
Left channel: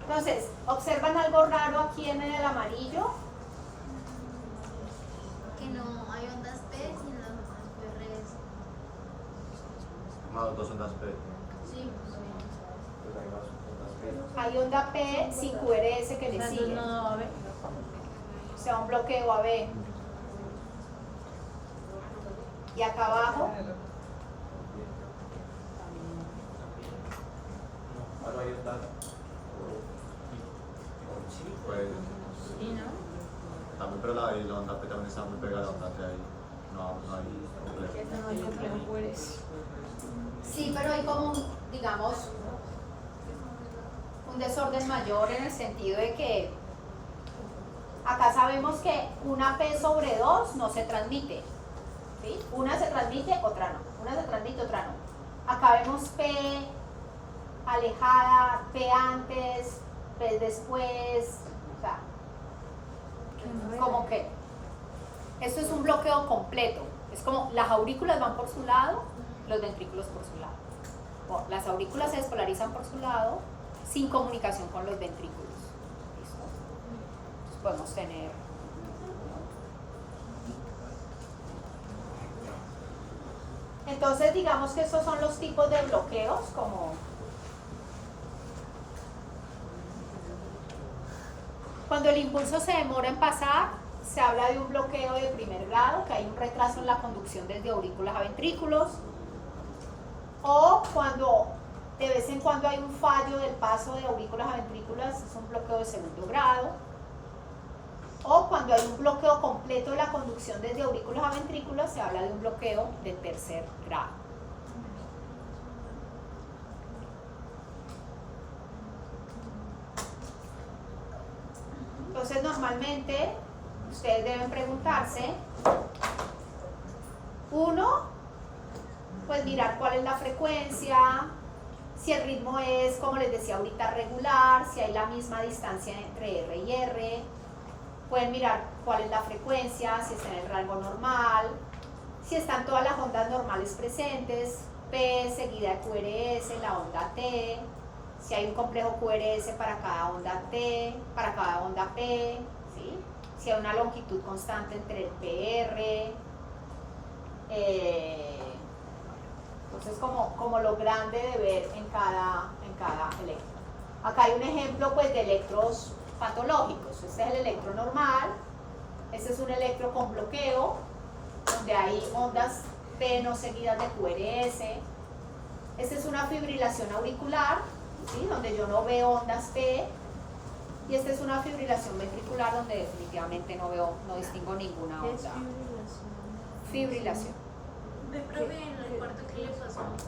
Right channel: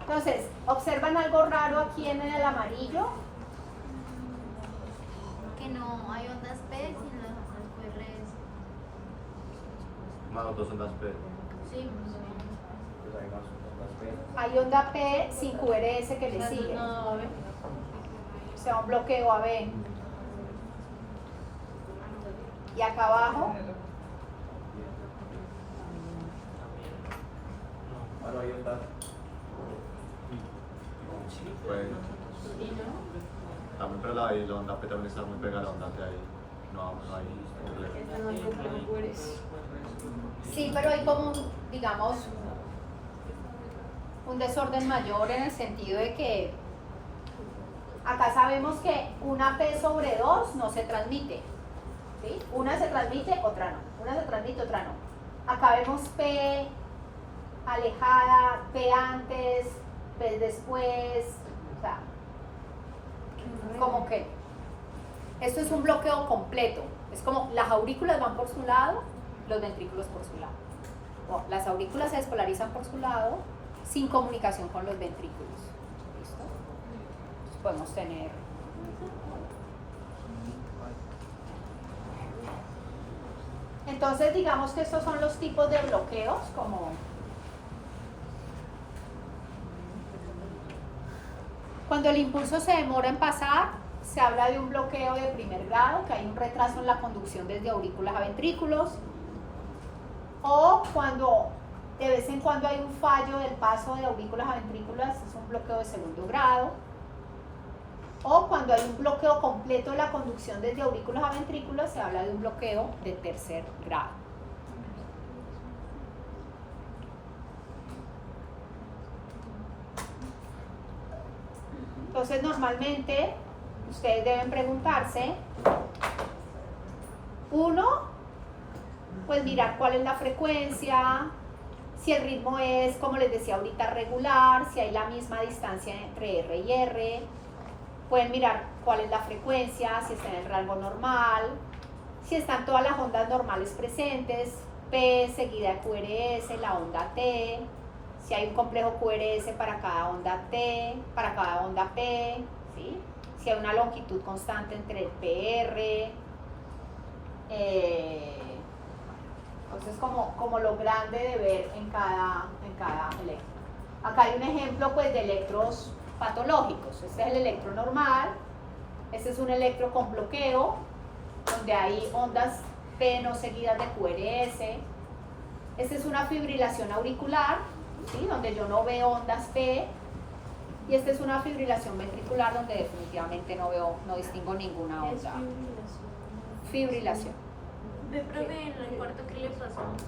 Entonces, ¿observan algo raro aquí en el amarillo? Que no hay ondas P, sino QRS. Más dos ondas P. Sí, pues hay más ondas P. Hay onda P sin QRS que le sigue. No, a ver. O sea, un bloqueo AB. Y acá abajo, Ah, no, ahí está. Pues, también, pero la onda P también está muy pegada a la onda T ahí. No hay complejo. sí, pero hay como, digamos, un desorden mayor en el sentido de que acá sabemos que una P sobre 2 no se transmite, ¿sí? Una se transmite, otra no. Una se transmite, otra no. Acá vemos P alejada, P antes, P después, o sea, como que esto es un bloqueo completo. Es como las aurículas van por su lado, los ventrículos por su lado. O las aurículas se despolarizan por su lado sin comunicación con los ventrículos. ¿Listo? Entonces podemos tener entonces digamos que estos son los tipos de bloqueos como cuando el impulso se demora en pasar, se habla de un bloqueo de primer grado, que hay un retraso en la conducción desde aurículas a ventrículos, o cuando de vez en cuando hay un fallo del paso de aurículas a ventrículas, es un bloqueo de segundo grado, o cuando hay un bloqueo completo de la conducción desde aurículas a ventrículos, se habla de un bloqueo de tercer grado. Entonces, normalmente, ustedes deben preguntarse, uno, pues mirar cuál es la frecuencia, si el ritmo es, como les decía ahorita, regular, si hay la misma distancia entre R y R, pueden mirar cuál es la frecuencia, si está en el rango normal, si están todas las ondas normales presentes, P seguida de QRS, la onda T, si hay un complejo QRS para cada onda T, para cada onda P, ¿sí? Si hay una longitud constante entre el PR, entonces como lo grande de ver en cada electro. Acá hay un ejemplo pues de electros patológicos. Este es el electro normal, este es un electro con bloqueo, donde hay ondas P no seguidas de QRS. Esta es una fibrilación auricular, ¿sí? Donde yo no veo ondas T, y esta es una fibrilación ventricular donde definitivamente no distingo ninguna ¿Qué es onda. fibrilación? Fibrilación. me probé en el cuarto que le pasó. O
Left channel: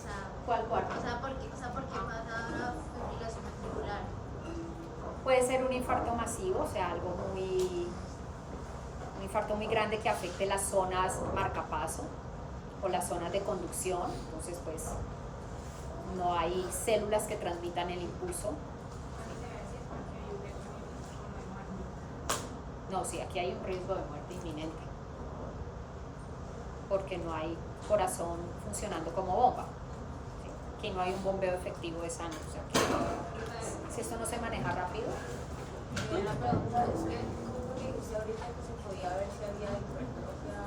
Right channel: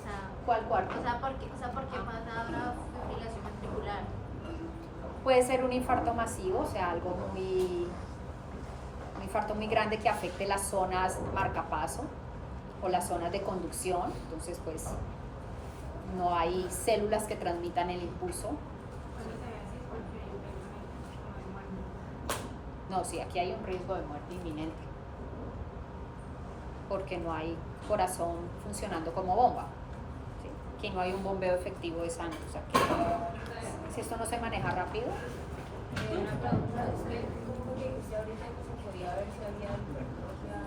sea, ¿Cuál cuarto? ¿por qué pasa ahora fibrilación ventricular? Puede ser un infarto masivo, o sea, un infarto muy grande que afecte las zonas marcapaso o las zonas de conducción, entonces pues no hay células que transmitan el impulso. No, sí, aquí hay un riesgo de muerte inminente, porque no hay corazón funcionando como bomba. Aquí no hay un bombeo efectivo de sangre. O sea, que si esto no se maneja rápido. Una pregunta es que, porque dijiste ahorita que se podía ver si había hipertrofia.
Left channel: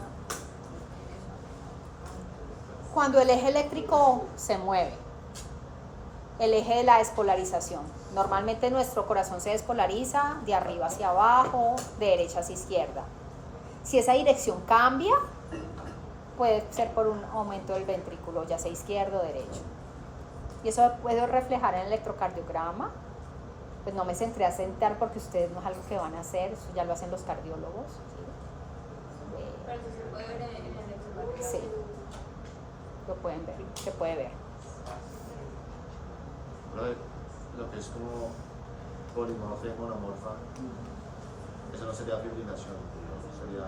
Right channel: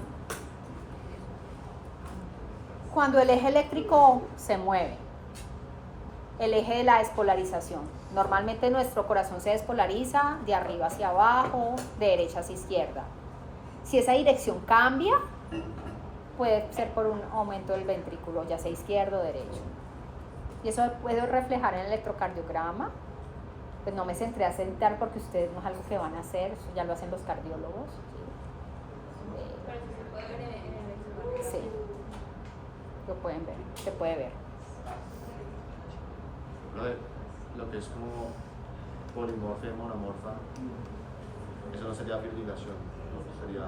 Cuando el eje eléctrico se mueve, el eje de la despolarización. Normalmente nuestro corazón se despolariza de arriba hacia abajo, de derecha hacia izquierda. Si esa dirección cambia, puede ser por un aumento del ventrículo, ya sea izquierdo o derecho. Y eso puedo reflejar en el electrocardiograma. Pues no me centré a sentar porque ustedes no es algo que van a hacer, eso ya lo hacen los cardiólogos. ¿Sí? Pero si se puede ver en el electrocardiograma. Sí, lo pueden ver, se puede ver. Lo que es como polimorfia y monomorfa, eso no sería fibrilación, ¿no? Sería...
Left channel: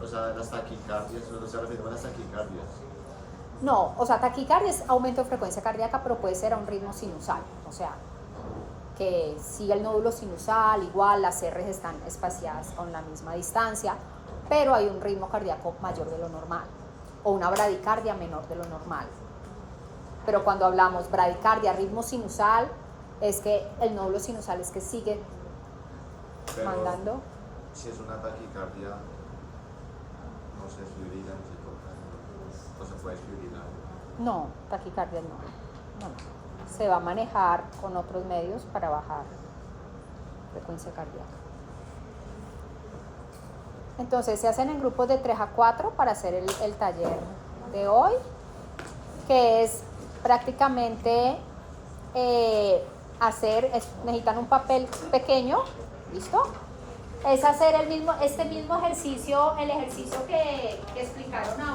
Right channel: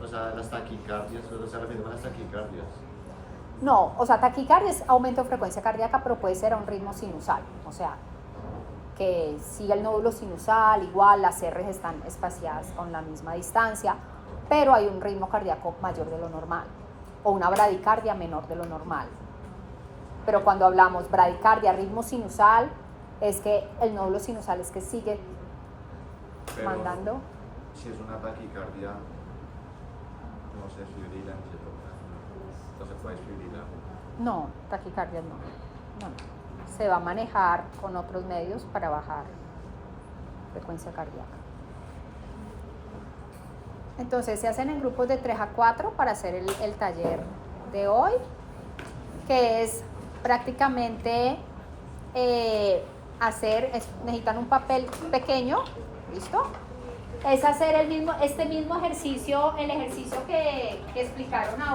o sea, las taquicardias, ¿no se refiere a las taquicardias? No, o sea, taquicardia es aumento de frecuencia cardíaca, pero puede ser a un ritmo sinusal, o sea, que siga el nódulo sinusal, igual las R's están espaciadas con la misma distancia, pero hay un ritmo cardíaco mayor de lo normal, o una bradicardia menor de lo normal. Pero cuando hablamos bradicardia, ritmo sinusal, es que el nódulo sinusal es que sigue Pero mandando. si es una taquicardia, no se fibrila, no se toca, no se puede fibrilar. No, taquicardia no. Se va a manejar con otros medios para bajar frecuencia cardíaca. Entonces se hacen en grupos de 3 a 4 para hacer el taller de hoy, que es prácticamente necesitan un papel pequeño, ¿listo? Es hacer este mismo ejercicio, el ejercicio que explicaron ahora.